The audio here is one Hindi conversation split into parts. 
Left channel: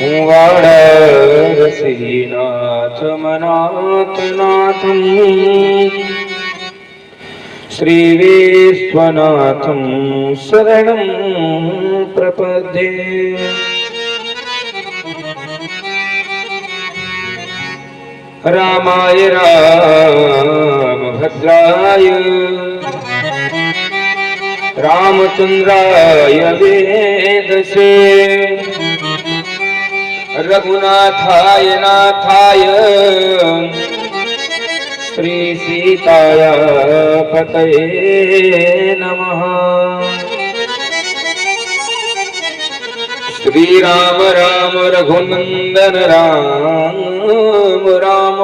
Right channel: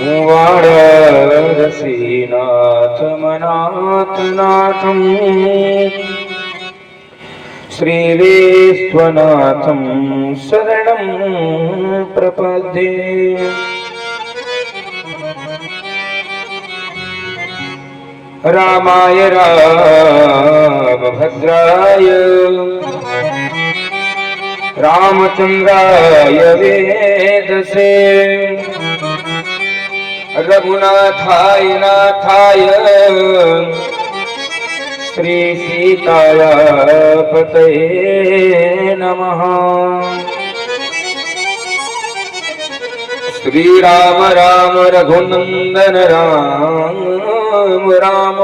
वाराणसीनाथमनाथनाथं श्रीविश्वनाथं शरणं प्रपद्ये। रामाय रामभद्राय रामचंद्राय वेदसे रघुनाथाय नाथाय श्री सीताय पतये नमः। श्री राम राम रघुनंदन राम राम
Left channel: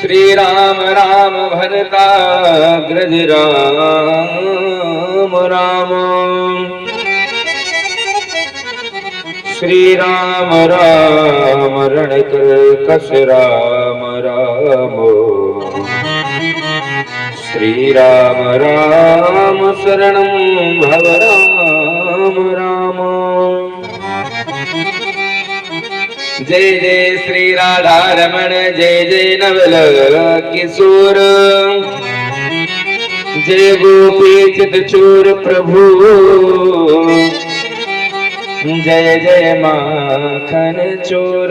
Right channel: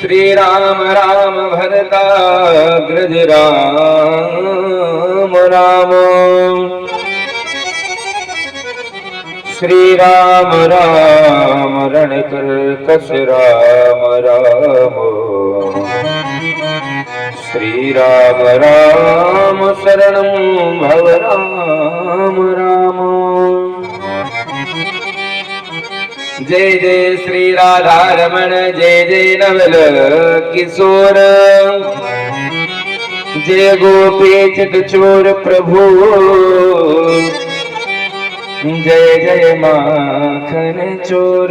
श्री राम राम भरताग्रज राम राम श्री राम राम रणकर्कश राम राम श्री राम राम शरणं भव राम राम। जय जय श्री राधा रमण जय जय नवल किशोर जय गोपी चित चोर प्रभु जय जय माखन चोर।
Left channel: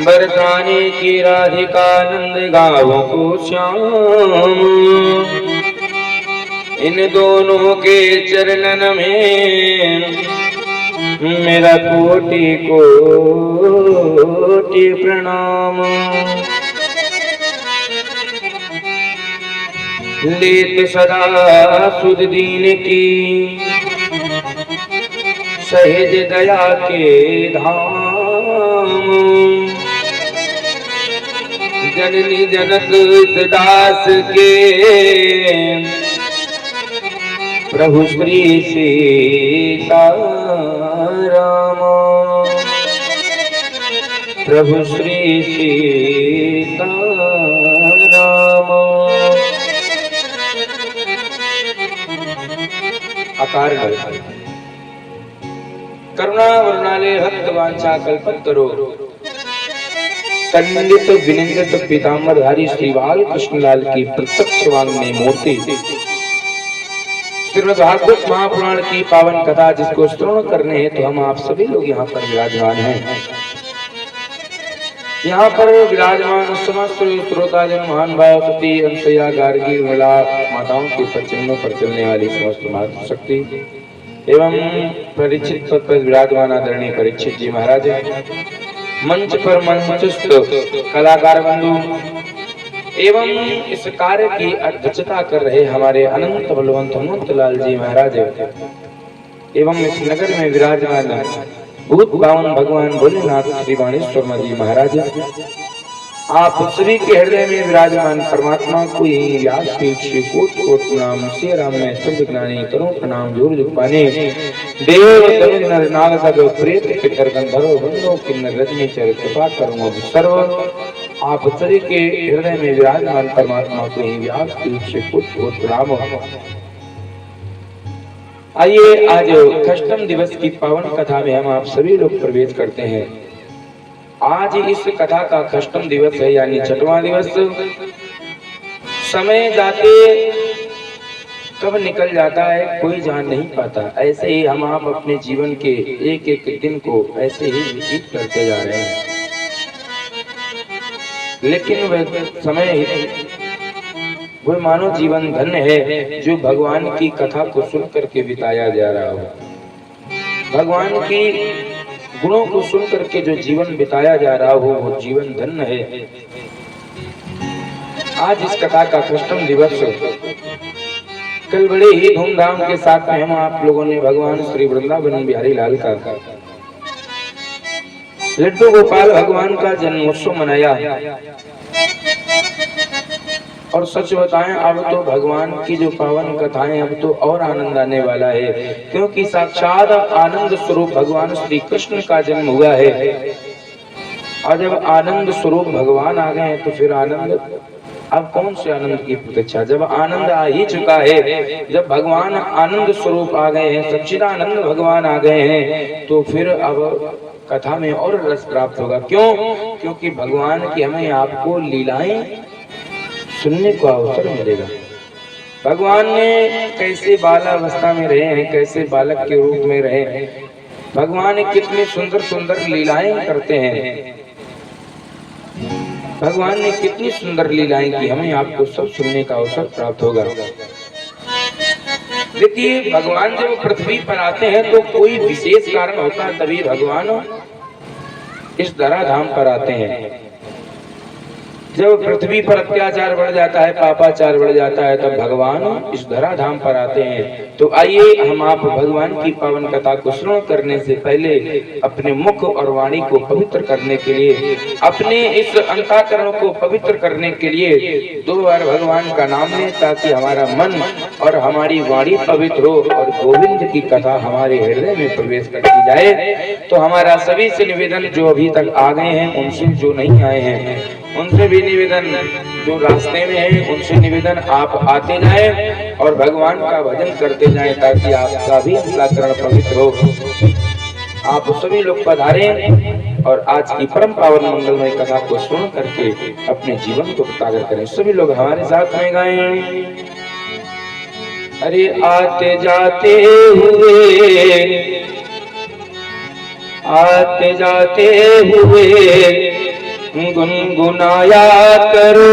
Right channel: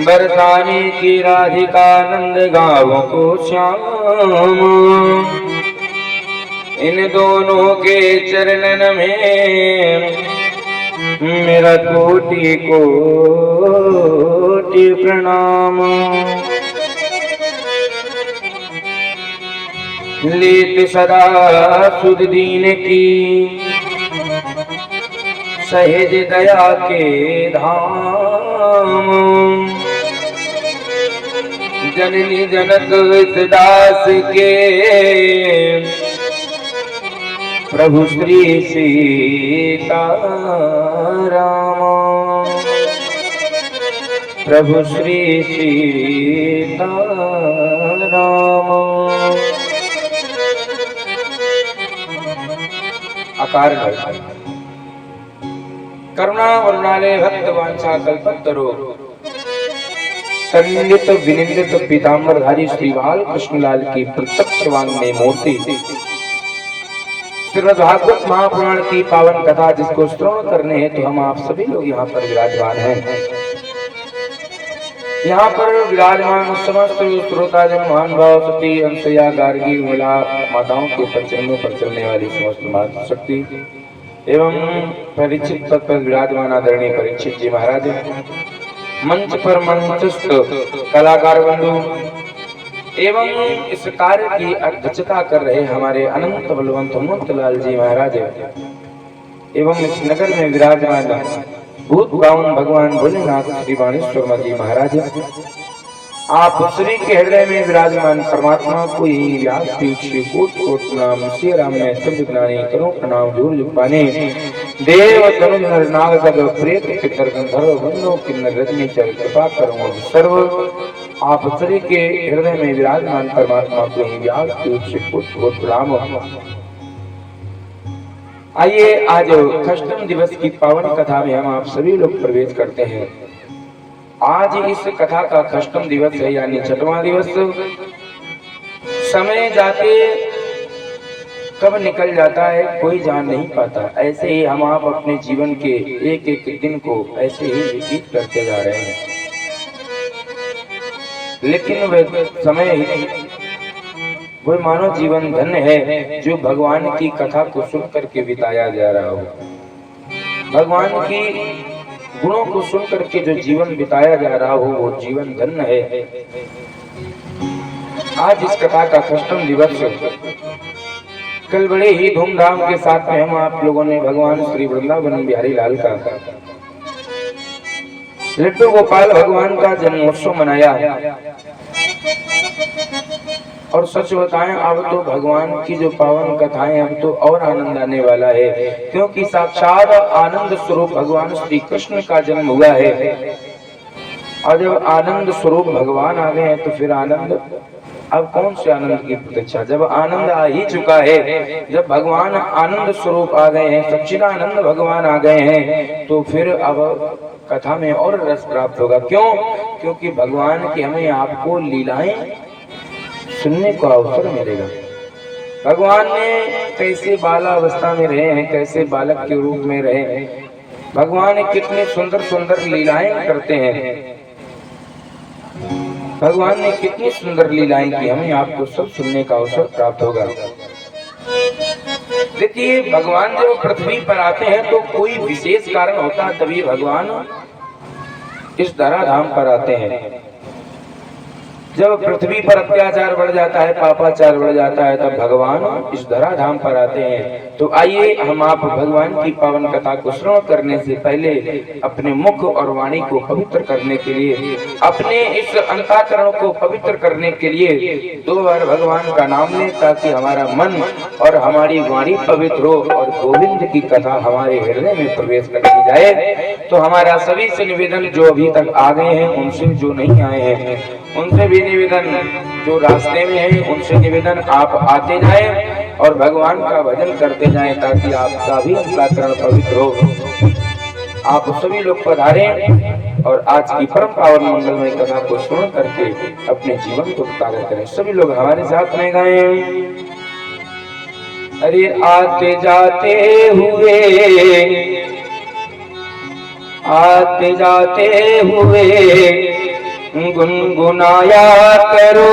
बरसाने की राधिका नंद गाँवों को श्याम इन दोनों के चरणन में मेरा कोटि कोटि प्रणाम। लेत सदा सुध दीन की सहज दया के धाम जननी जनक दास के प्रभु श्री सीताराम प्रभु श्री सीताराम। अकार करुणा वरुणालय भक्त वांछा कल्पतरो कंडित विनिंदित पीतांबरधारी श्री बाल कृष्णलाल की प्रत्यक्ष वांग्मय मूर्ति श्रीमद्भागवत महापुराण की पावन कथा जिसको श्रवण करने हैं तो हम आप सभी लोग यहाँ पर विराजमान हैं। यहाँ पर विराजमान समस्त श्रोताजन महान भाव सती अंशया गार्गी विमला माताओं के चरणों पर चलने वाली समस्त मातृशक्ति एवं परीक्षित पद पर विराजमान आदरणीय परीक्षित जी महाराज, मंच पर मंचस्थ कलाकार बंधु एवं इस कार्य की अध्यक्षता कर रहे हमारे अनंत बलवंत हनुमंत लाल जी महाराज एवं इस नगर में विराजमान भूत बावन भगवान भोलेनाथ श्री बाणेश्वर जी महाराज, आप सभी के हृदय में विराजमान परमात्मा को यही व्यास कोट कोट नाम श्री राम में शब्द ज्ञानी करो प्रणाम जोर पाने देव तनुज नर नाग जग प्रेत पितर गंधर्व बंधु किन्नर रजनी चर कृपा करो सर्व। आप सभी के हृदय में विराजमान परमात्मा को यही व्यास कोट कोट प्रणाम। आइए आज खष्टम दिवस की पावन कथा में हम आप सभी लोग प्रवेश करते हैं। आज इस कथा का खष्टम दिवस है यानी छठवां दिवस। समय जाते कब निकल जाता है कोई जान नहीं पाता। ऐसे ही हम आप अपने जीवन के एक एक दिन को ऐसे ही व्यतीत करते जा रहे हैं, लेकिन वह समय कोई मानव जीवन धन्य है जो भगवान की कथा को सुन करके बिताया जा रहा हो। भगवान की गुणों को सुन करके जो जीवन बिताया जा रहा हो वो जीवन धन्य है। आज इस कथा का खष्टम दिवस कल बड़े ही धूमधाम के साथ में हम आप लोगों ने भगवान श्री वृंदावन बिहारी लाल का लड्डू गोपाल भगवान का जन्मोत्सव मनाया। और सच बताएं अब तो भगवान की जो पावन कथाएं अब तो और आनंद आने वाला है, क्योंकि साक्षात आनंद स्वरूप भगवान श्री कृष्ण का जन्म हुआ है। और जब आनंद स्वरूप भगवान आ गए तो फिर आनंद अब कौन से आनंद की प्रतीक्षा? जब आनंद आ ही चुका है, जब भगवान आनंद स्वरूप आ गए हैं, सच्चिदानंद भगवान आ गए हैं, तो फिर अब कथा में और रस प्राप्त होगा। क्यों? क्योंकि भगवान की हमें आपको लीलाएं सुनने को अवसर मिलेगा। भगवान ने कैसे बालावस्था में रहे हैं, कैसे बालक के रूप में रहे हैं, भगवान कितनी सुंदर सुंदर लीलाएं करते हैं, भगवान ने कितनी सुंदर लीलाएं की, हमें आपको सब सुनने का अवसर प्राप्त होगा। देखिए, भगवान जब पृथ्वी पर आते हैं तो कोई विशेष कारण होता है, तभी भगवान इस धराधाम पर आते हैं। जब पृथ्वी पर अत्याचार बढ़ जाता है, पापाचार बढ़ जाता है, तब भगवान इस धराधाम पर आते हैं। तो आइए हम आप भगवान की पावन कथा को श्रवण करने से पहले अपने मुख और वाणी को पवित्र करने के लिए, अपने इस अंतःकरण को पवित्र करने के लिए 2 बार भगवान का नाम लें, ताकि हमारा मन और हमारी वाणी पवित्र हो और गोविंद की कथा हमारे हृदय में प्रवेश करती जाए। तो हमारा सभी से निवेदन, जो अभी तक आ गए हैं उनसे, जो नहीं आए हैं उनसे भी निवेदन, जो रास्ते में हैं उनसे निवेदन, आप आते जाएं और भगवान का भजन करते जाएं, ताकि आपका भी अंतःकरण पवित्र हो। आप सभी लोग पधारें और आज की परम पावन मंगलमय कथा को सुन करके अपने जीवन को ताजा करें। सभी लोग हमारे साथ में गाएं। अरे आते जाते हुए गुनगुनाया करो,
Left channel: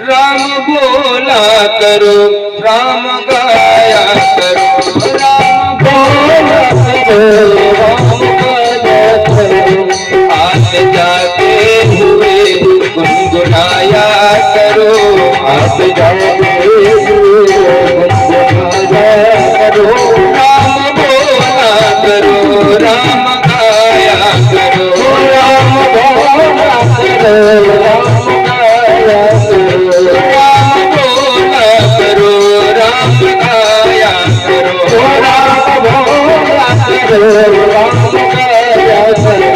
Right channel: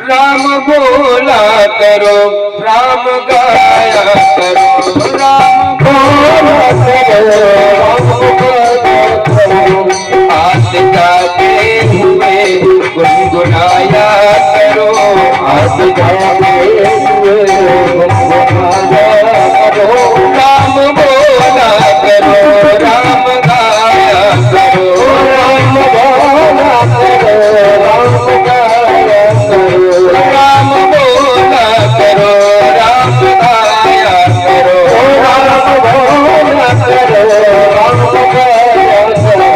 राम बोला करो, राम गाया करो, राम बोला करो, राम गाया करो। आते जाते हुए गुनगुनाया करो, आते जाते हुए गुनगुनाया करो, राम बोला करो, राम गाया करो, राम बोला करो, राम गाया करो, राम बोला करो, राम गाया करो, राम बोला करो, राम गाया करो।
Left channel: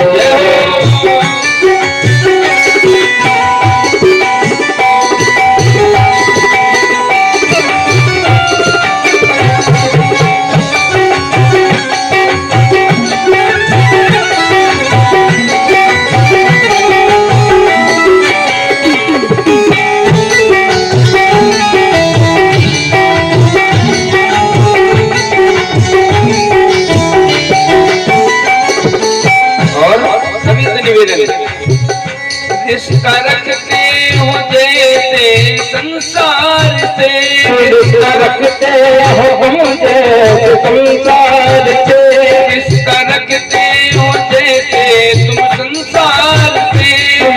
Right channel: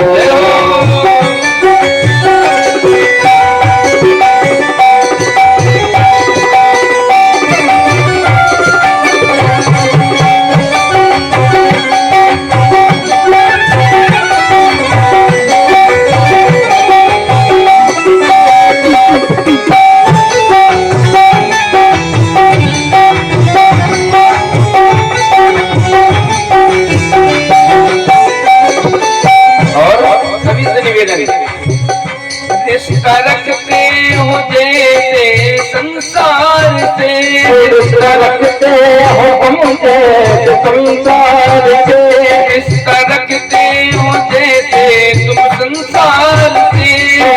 रिश्ता रखते हो जैसे संसार से, रिश्ता रखते हो हम जैसे संसार से, रिश्ता रखते हो जैसे तुम संसार से,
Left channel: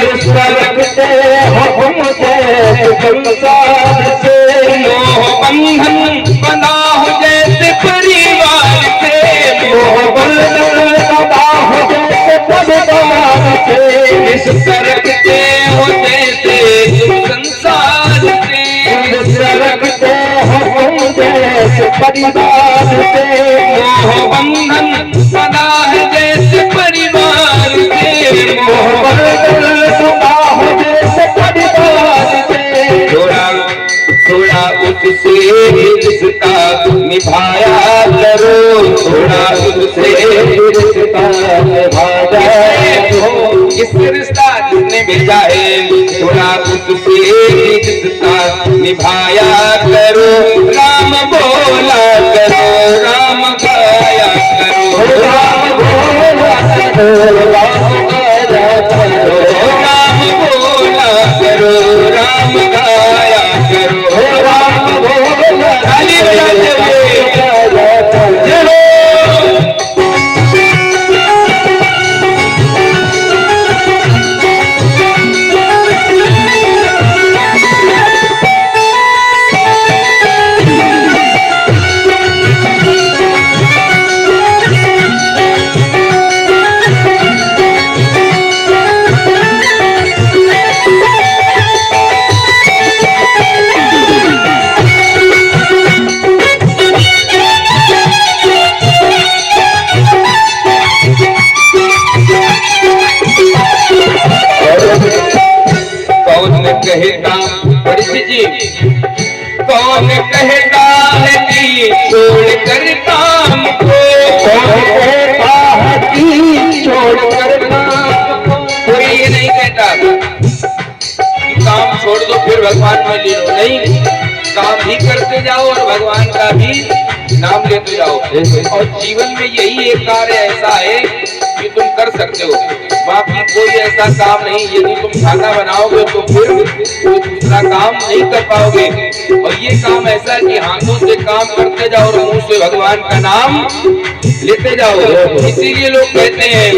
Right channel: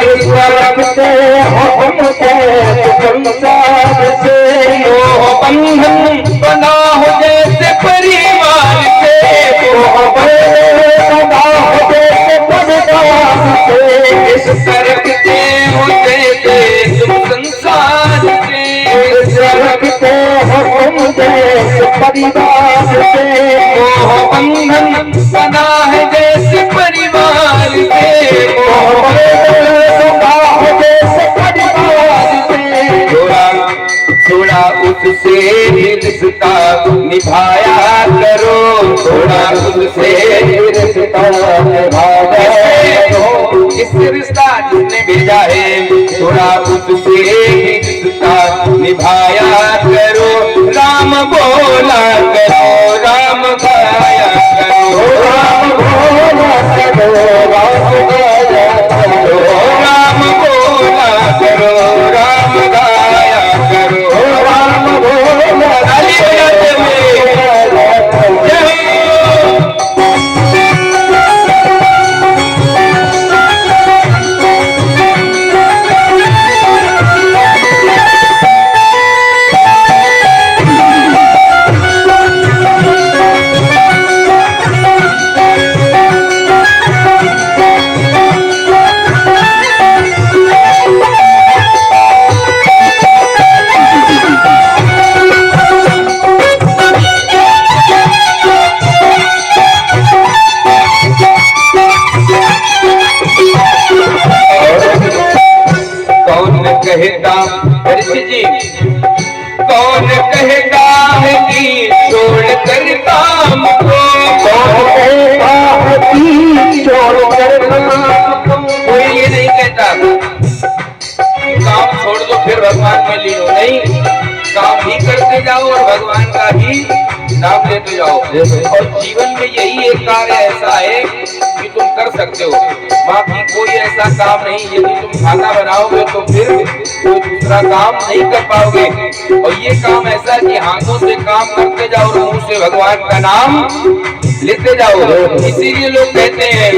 रिश्ता रखते हो हम जैसे संसार से, मोह बंधन बना हो जैसे परिवार से, मोह बंधन बना हो जैसे परिवार से, रिश्ता रखते हो जैसे तुम संसार से, रिश्ता रखते हो हम जैसे परिवार से, मोह बंधन बना है जैसे परिवार से, मोह बंधन बना हो जैसे परिवार से, थोड़ा उससे रिश्ता निभाया करो, थोड़ा उससे रिश्ता निभाया करो, इस रिश्ता जिसने भेजा है, थोड़ा उससे रिश्ता निभाया करो, राम बोला करो, राम गाया करो, राम बोला करो, राम गाया करो, राम बोला करो, राम गाया करो, राम बोला जय हो। नाम लेते जाओ। और जीवन में यही एक कार्य ऐसा है कि तुम कर सकते हो, बाकी कोई ऐसा काम नहीं। यदि तुम खाना बनाओगे तो फिर कोई दूसरा काम नहीं कर पाओगे। और ये काम ऐसा है कि हाथों से काम करते जाओ और मुंह से भगवान का नाम लेते जाओ। इसीलिए लोग कहते हैं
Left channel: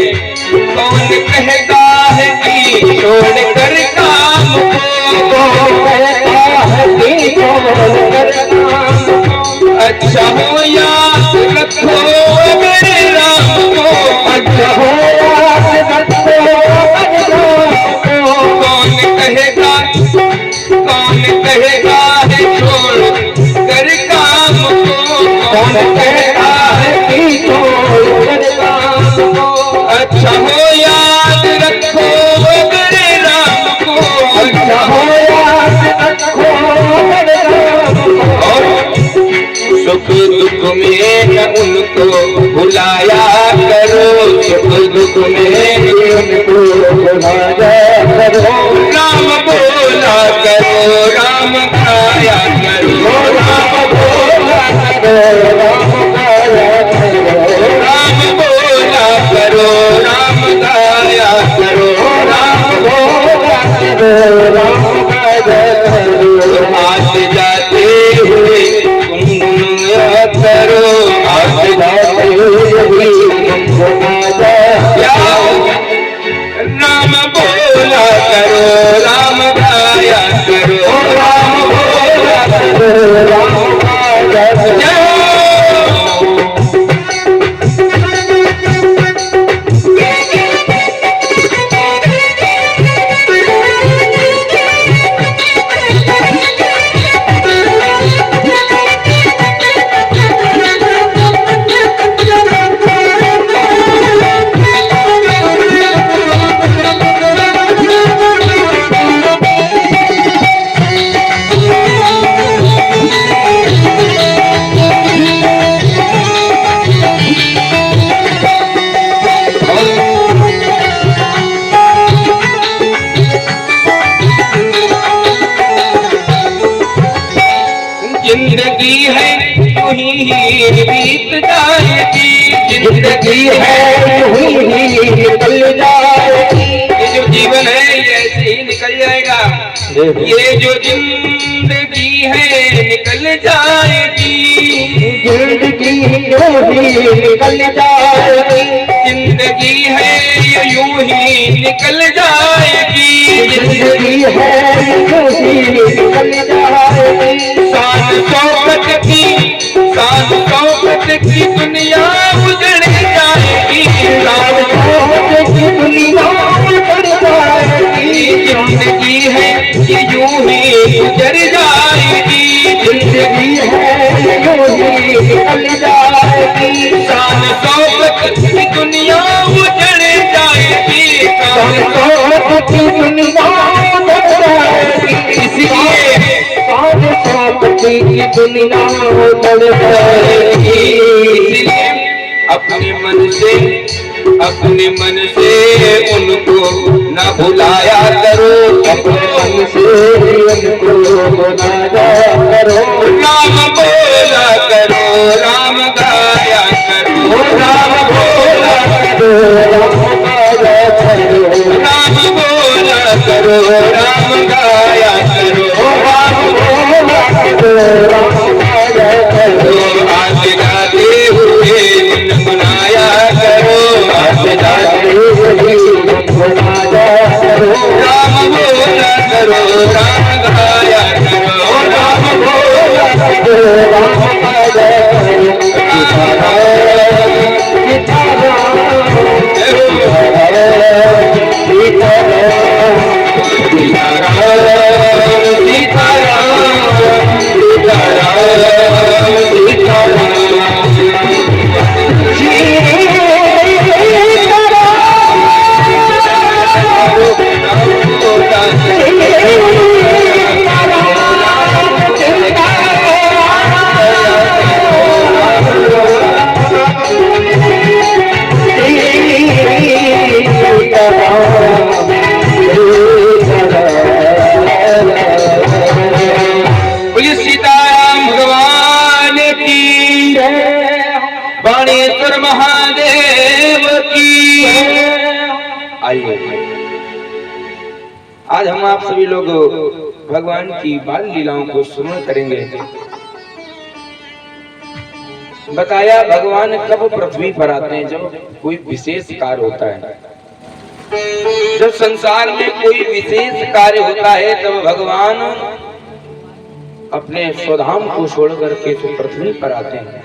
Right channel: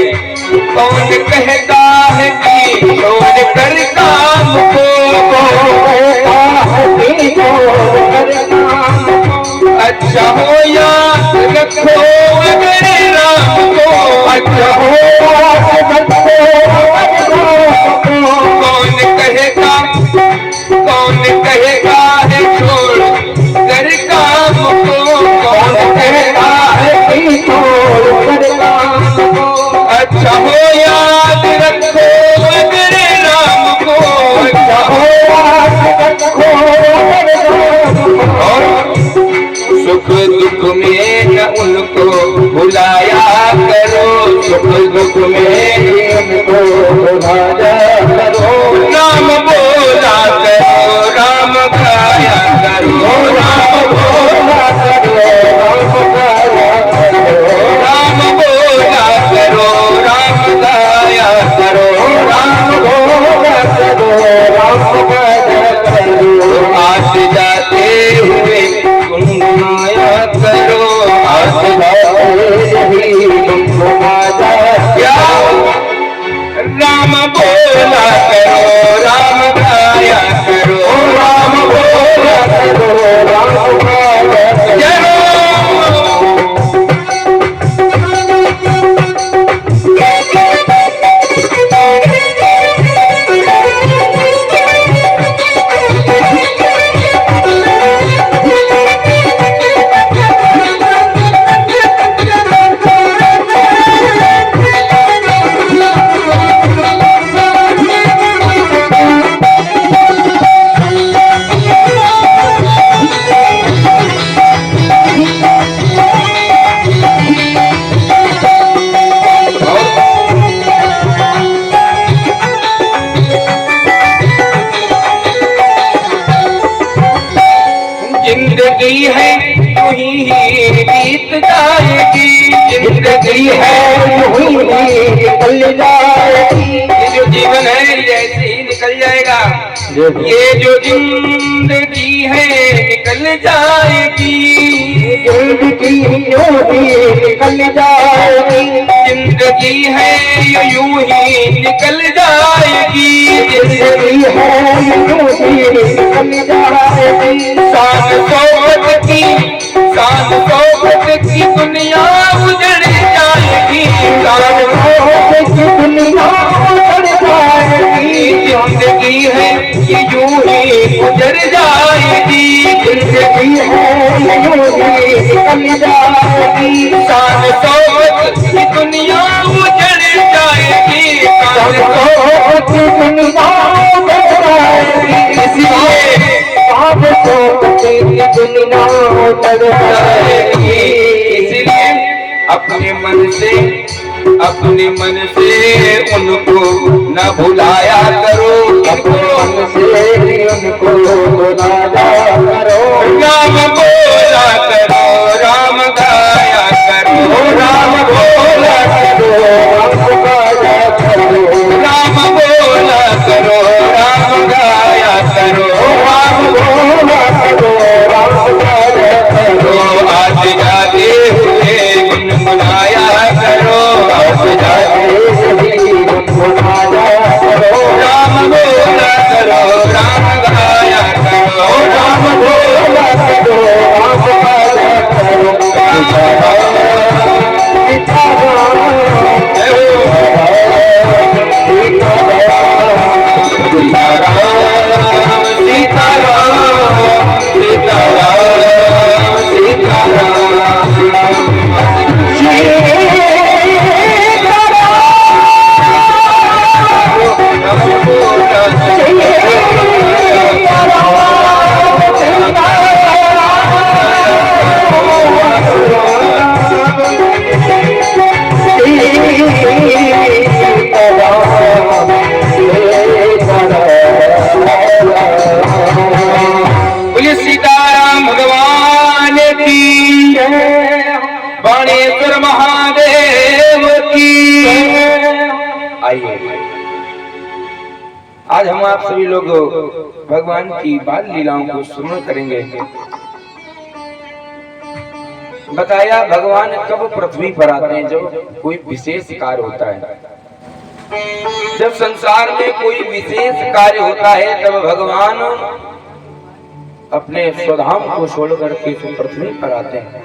कौन कहता है कि कौन कर काम को, अच्छा हो याद रखो अगर राम को, अच्छा हो याद रखो। कौन कहेगा है छोड़ कर काम को, कौन कहता है कि छोड़ कर काम को, अच्छा हो याद रखो अगर राम को, अच्छा हो याद रखो अगर राम को। सुख दुख में न उनको भुलाया करो, सुख दुख में उनको भुलाया करो। राम बोला करो, राम गाया करो, राम बोला करो, राम बोला करो, राम गाया करो, राम बोला करो, राम गाया करो। आते जाते हुए गुनगुनाया करो, आते जाते हुए गुनगुनाया, राम बोला करो, राम गाया करो, राम बोला करो, राम गाया करो। जिंदगी है यूं ही बीत जाएगी, जिंदगी है यूं ही निकल जाएगी। ये जो जीवन है ये ऐसे ही निकल जाएगा। ये जो जिंदगी है निकल जाएगी, जिंदगी यूं ही निकल जाएगी। जिंदगी है ये यूं ही निकल जाएगी, जिंदगी है यूं ही निकल जाएगी। शान शौकत की दुनिया उजड़ जाएगी, शान शौकत की दुनिया उजड़ जाएगी। जिंदगी है ये यूं ही गुजर जाएगी, जिंदगी है ये यूं ही निकल जाएगी। शान शौकत की दुनिया उजड़ जाएगी, शान शौकत की दुनिया उजड़ जाएगी। इसलिए दुनिया उजड़ जाएगी। इसलिए अपने मन से उनको न भुलाया करो, अपने मन से उनको भुलाया करो। राम बोला करो, राम गाया करो, राम बोला करो, राम बोला करो, राम गाया करो, राम बोला करो। आते जाते हुए गुनगुनाया करो, आते जाते हुए गुनगुनाया करो। राम बोला करो, राम गाया करो, राम बोला करो। महादेव की। आइए आज हम आप सभी लोग भगवान की बाल लीलाओं को स्मरण करेंगे। बताया भगवान कब पृथ्वी पर आते हैं, जब कोई विशेष कार्य होता है। जब संसार में कोई विशेष कार्य होता है तब भगवान अपने स्वधाम को छोड़ करके तो पृथ्वी पर आते हैं।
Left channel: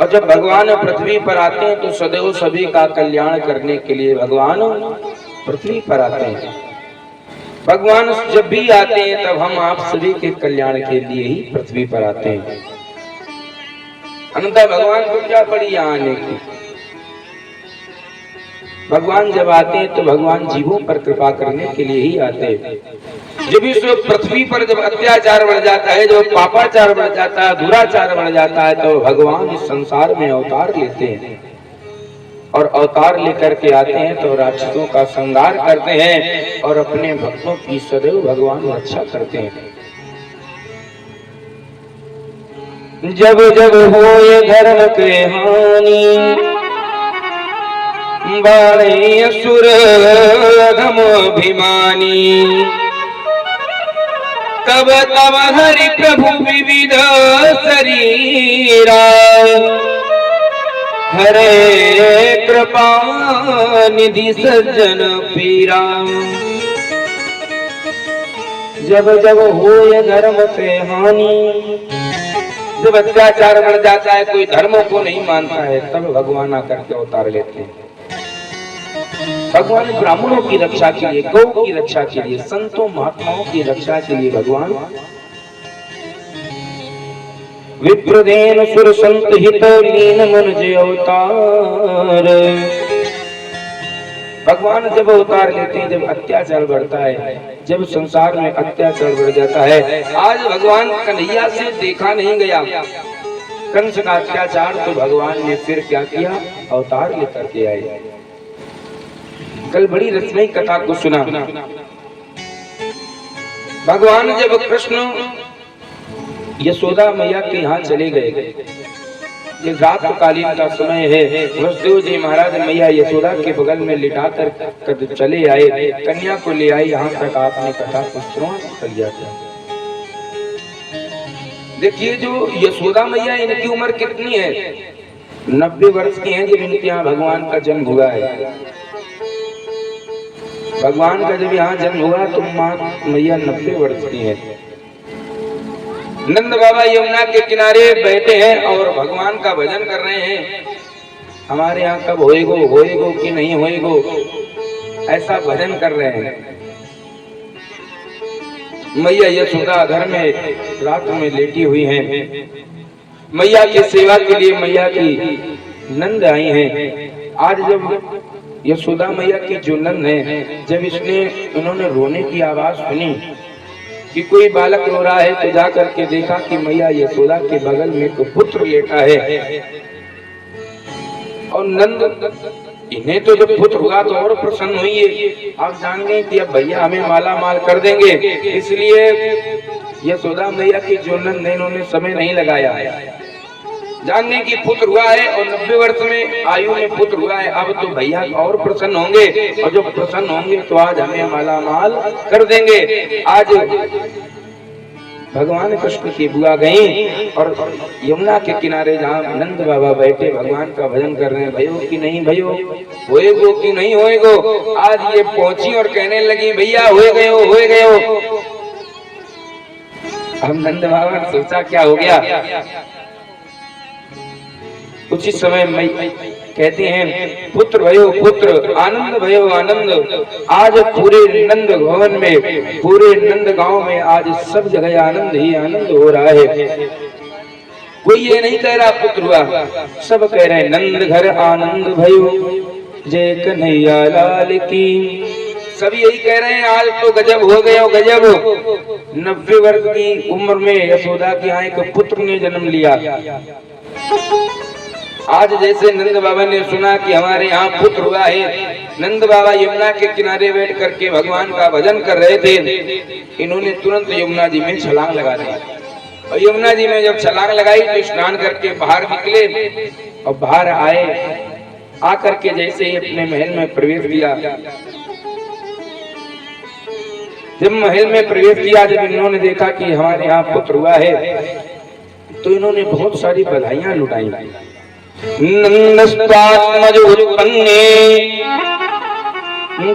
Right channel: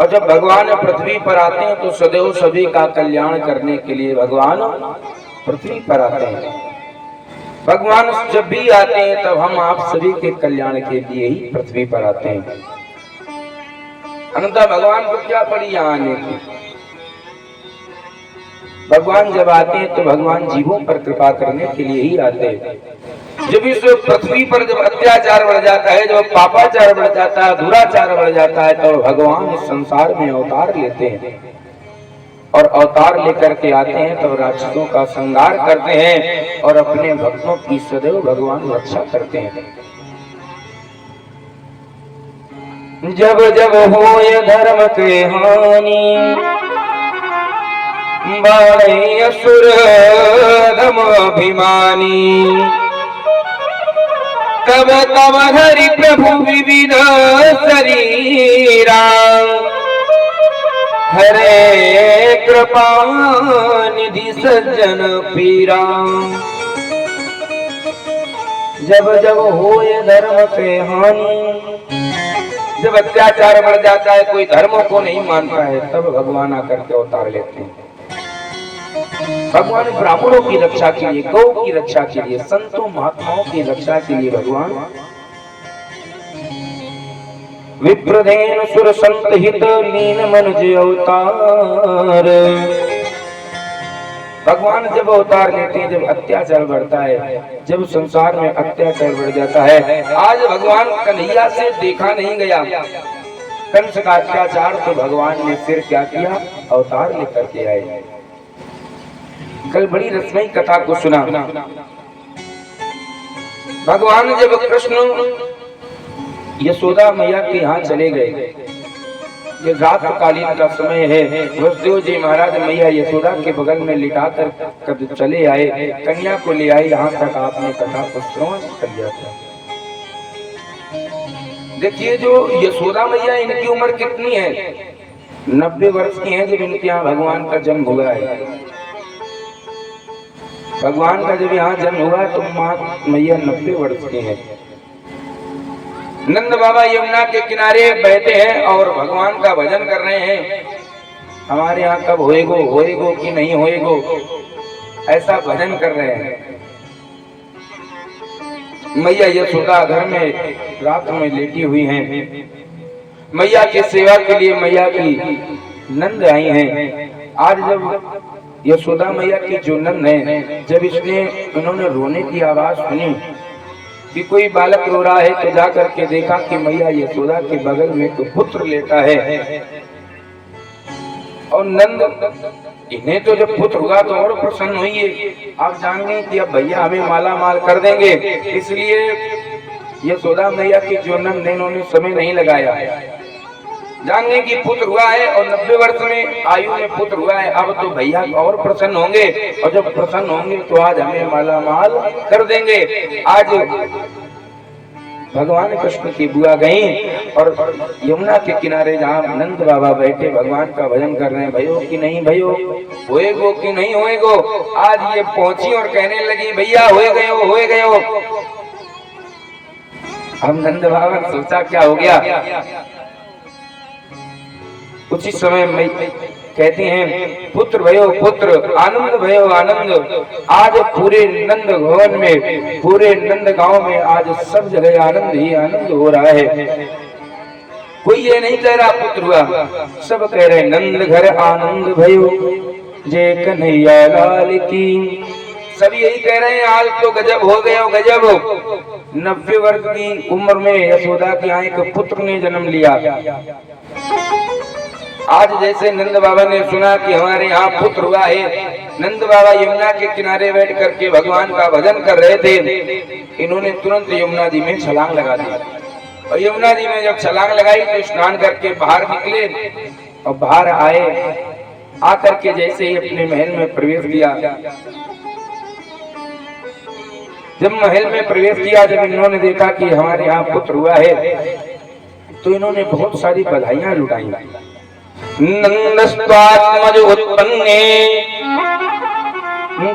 और जब भगवान पृथ्वी पर आते हैं तो सदैव सभी का कल्याण करने के लिए भगवान पृथ्वी पर आते हैं। भगवान जब भी आते हैं तब हम आप सभी के कल्याण के लिए ही पृथ्वी पर आते हैं। अन्यथा भगवान को क्या पड़ी यहाँ आने की। भगवान जब आते हैं तो भगवान जीवों पर कृपा करने के लिए ही आते हैं। जब इस पृथ्वी पर जब अत्याचार बढ़ जाता है, जब पापाचार बढ़ जाता है, दुराचार बढ़ जाता है, तो भगवान इस संसार में अवतार लेते हैं। और अवतार लेकर के आते हैं तो राक्षसों का संहार करते हैं और अपने भक्तों की सदैव भगवान रक्षा करते हैं। जब जब होए धर्म के हानि, बाढ़े असुर धर्माभिमानी, तब तब हरि प्रभु विविध शरीरा, हरे कृपा निधि सज्जन पीरा। जब जब होए धर्म पे हानि, जब अत्याचार बढ़ जाता है, कोई धर्मों को नहीं मानता है, तब भगवान आकर के अवतार लेते हैं। भगवान ब्राह्मणों की रक्षा के लिए, गौ की रक्षा के लिए, संतों महात्माओं की रक्षा के लिए भगवान विप्रदेन सुर संत हित लीन मन जे अवतार। भगवान जब अवतार लेते हैं, जब अत्याचार बढ़ता है, जब संसार में अत्याचार बढ़ जाता है। आज भगवान कन्हैया से देखा नहीं गया कंस का अत्याचार, तो भगवान ने फिर क्या किया, अवतार लेकर के आए। कल बड़ी रसमयी कथा को सुना। भगवान जब कृष्ण यशोदा मैया के यहाँ चले गए, ये रात कालीन का समय है, वसुदेव जी महाराज मैया यशोदा के बगल में लिटा कर चले आए, कन्या को ले आए। यहाँ तक आपने कथा को श्रवण कर लिया था। देखिए जो यशोदा मैया, इनकी उम्र कितनी है, 90 वर्ष की है जब इनके यहाँ भगवान का जन्म हुआ है। भगवान का जब यहाँ जन्म हुआ तो माँ मैया 90 वर्ष की है। नंद बाबा यमुना के किनारे बैठे हैं और भगवान का भजन कर रहे हैं। हमारे यहाँ कब होएगो कि नहीं होएगो, ऐसा भजन कर रहे हैं। मैया यशोदा घर में रात में लेटी हुई हैं। मैया की सेवा के लिए मैया की नंद आई हैं। आज जब यशोदा मैया की जो नंद है, जब इन्होंने रोने की आवाज सुनी कि कोई बालक रो रहा है, तो जा करके देखा कि मैया यशोदा के बगल में तो पुत्र लेटा है। और नंद, इन्हें तो जब पुत्र हुआ तो और प्रसन्न हुई है। आप जान गए कि अब भैया हमें माला माल कर देंगे, इसलिए यशोदा मैया की जो नंद है, इन्होंने समय नहीं लगाया, जानने की पुत्र हुआ है और 90 वर्ष में आयु में पुत्र हुआ है। अब तो भैया और प्रसन्न होंगे, और जब प्रसन्न होंगे तो आज हमें माला माल कर देंगे। आज भगवान कृष्ण की बुआ गई और यमुना के किनारे जहाँ नंद बाबा बैठे भगवान का भजन कर रहे हैं, भयो कि नहीं भयो, होएगो कि नहीं होएगो। आज ये पहुंची और कहने लगी भैया होए गए हो। हम नंद बाबा ने सोचा क्या हो गया। उसी समय मैं कहते हैं पुत्र भयो पुत्र, आनंद भयो आनंद। आज पूरे नंद भवन में, पूरे नंद गांव में आज सब जगह आनंद ही आनंद हो रहा है। कोई ये नहीं कह रहा पुत्र हुआ, सब कह रहे नंद घर आनंद भयो, जय कन्हैया लाल की। सब यही कह रहे हैं आज तो गजब हो गए हो गजब। 90 वर्ष की उम्र में यशोदा के यहाँ एक पुत्र ने जन्म लिया। आज जैसे नंद बाबा ने सुना कि हमारे यहाँ पुत्र हुआ है, नंद बाबा यमुना के किनारे बैठ करके भगवान का भजन कर रहे थे। इन्होंने तुरंत यमुना जी में छलांग लगा दी। और यमुना जी में जब छलांग लगाई तो स्नान करके बाहर निकले और बाहर आए, आकर के जैसे ही अपने महल में प्रवेश किया, जब महल में प्रवेश किया, जब इन्होंने देखा कि हमारे यहाँ पुत्र हुआ है, तो इन्होंने बहुत सारी बधाइयां लुटाई। नंदस्त्वात्मजोत्पन्ने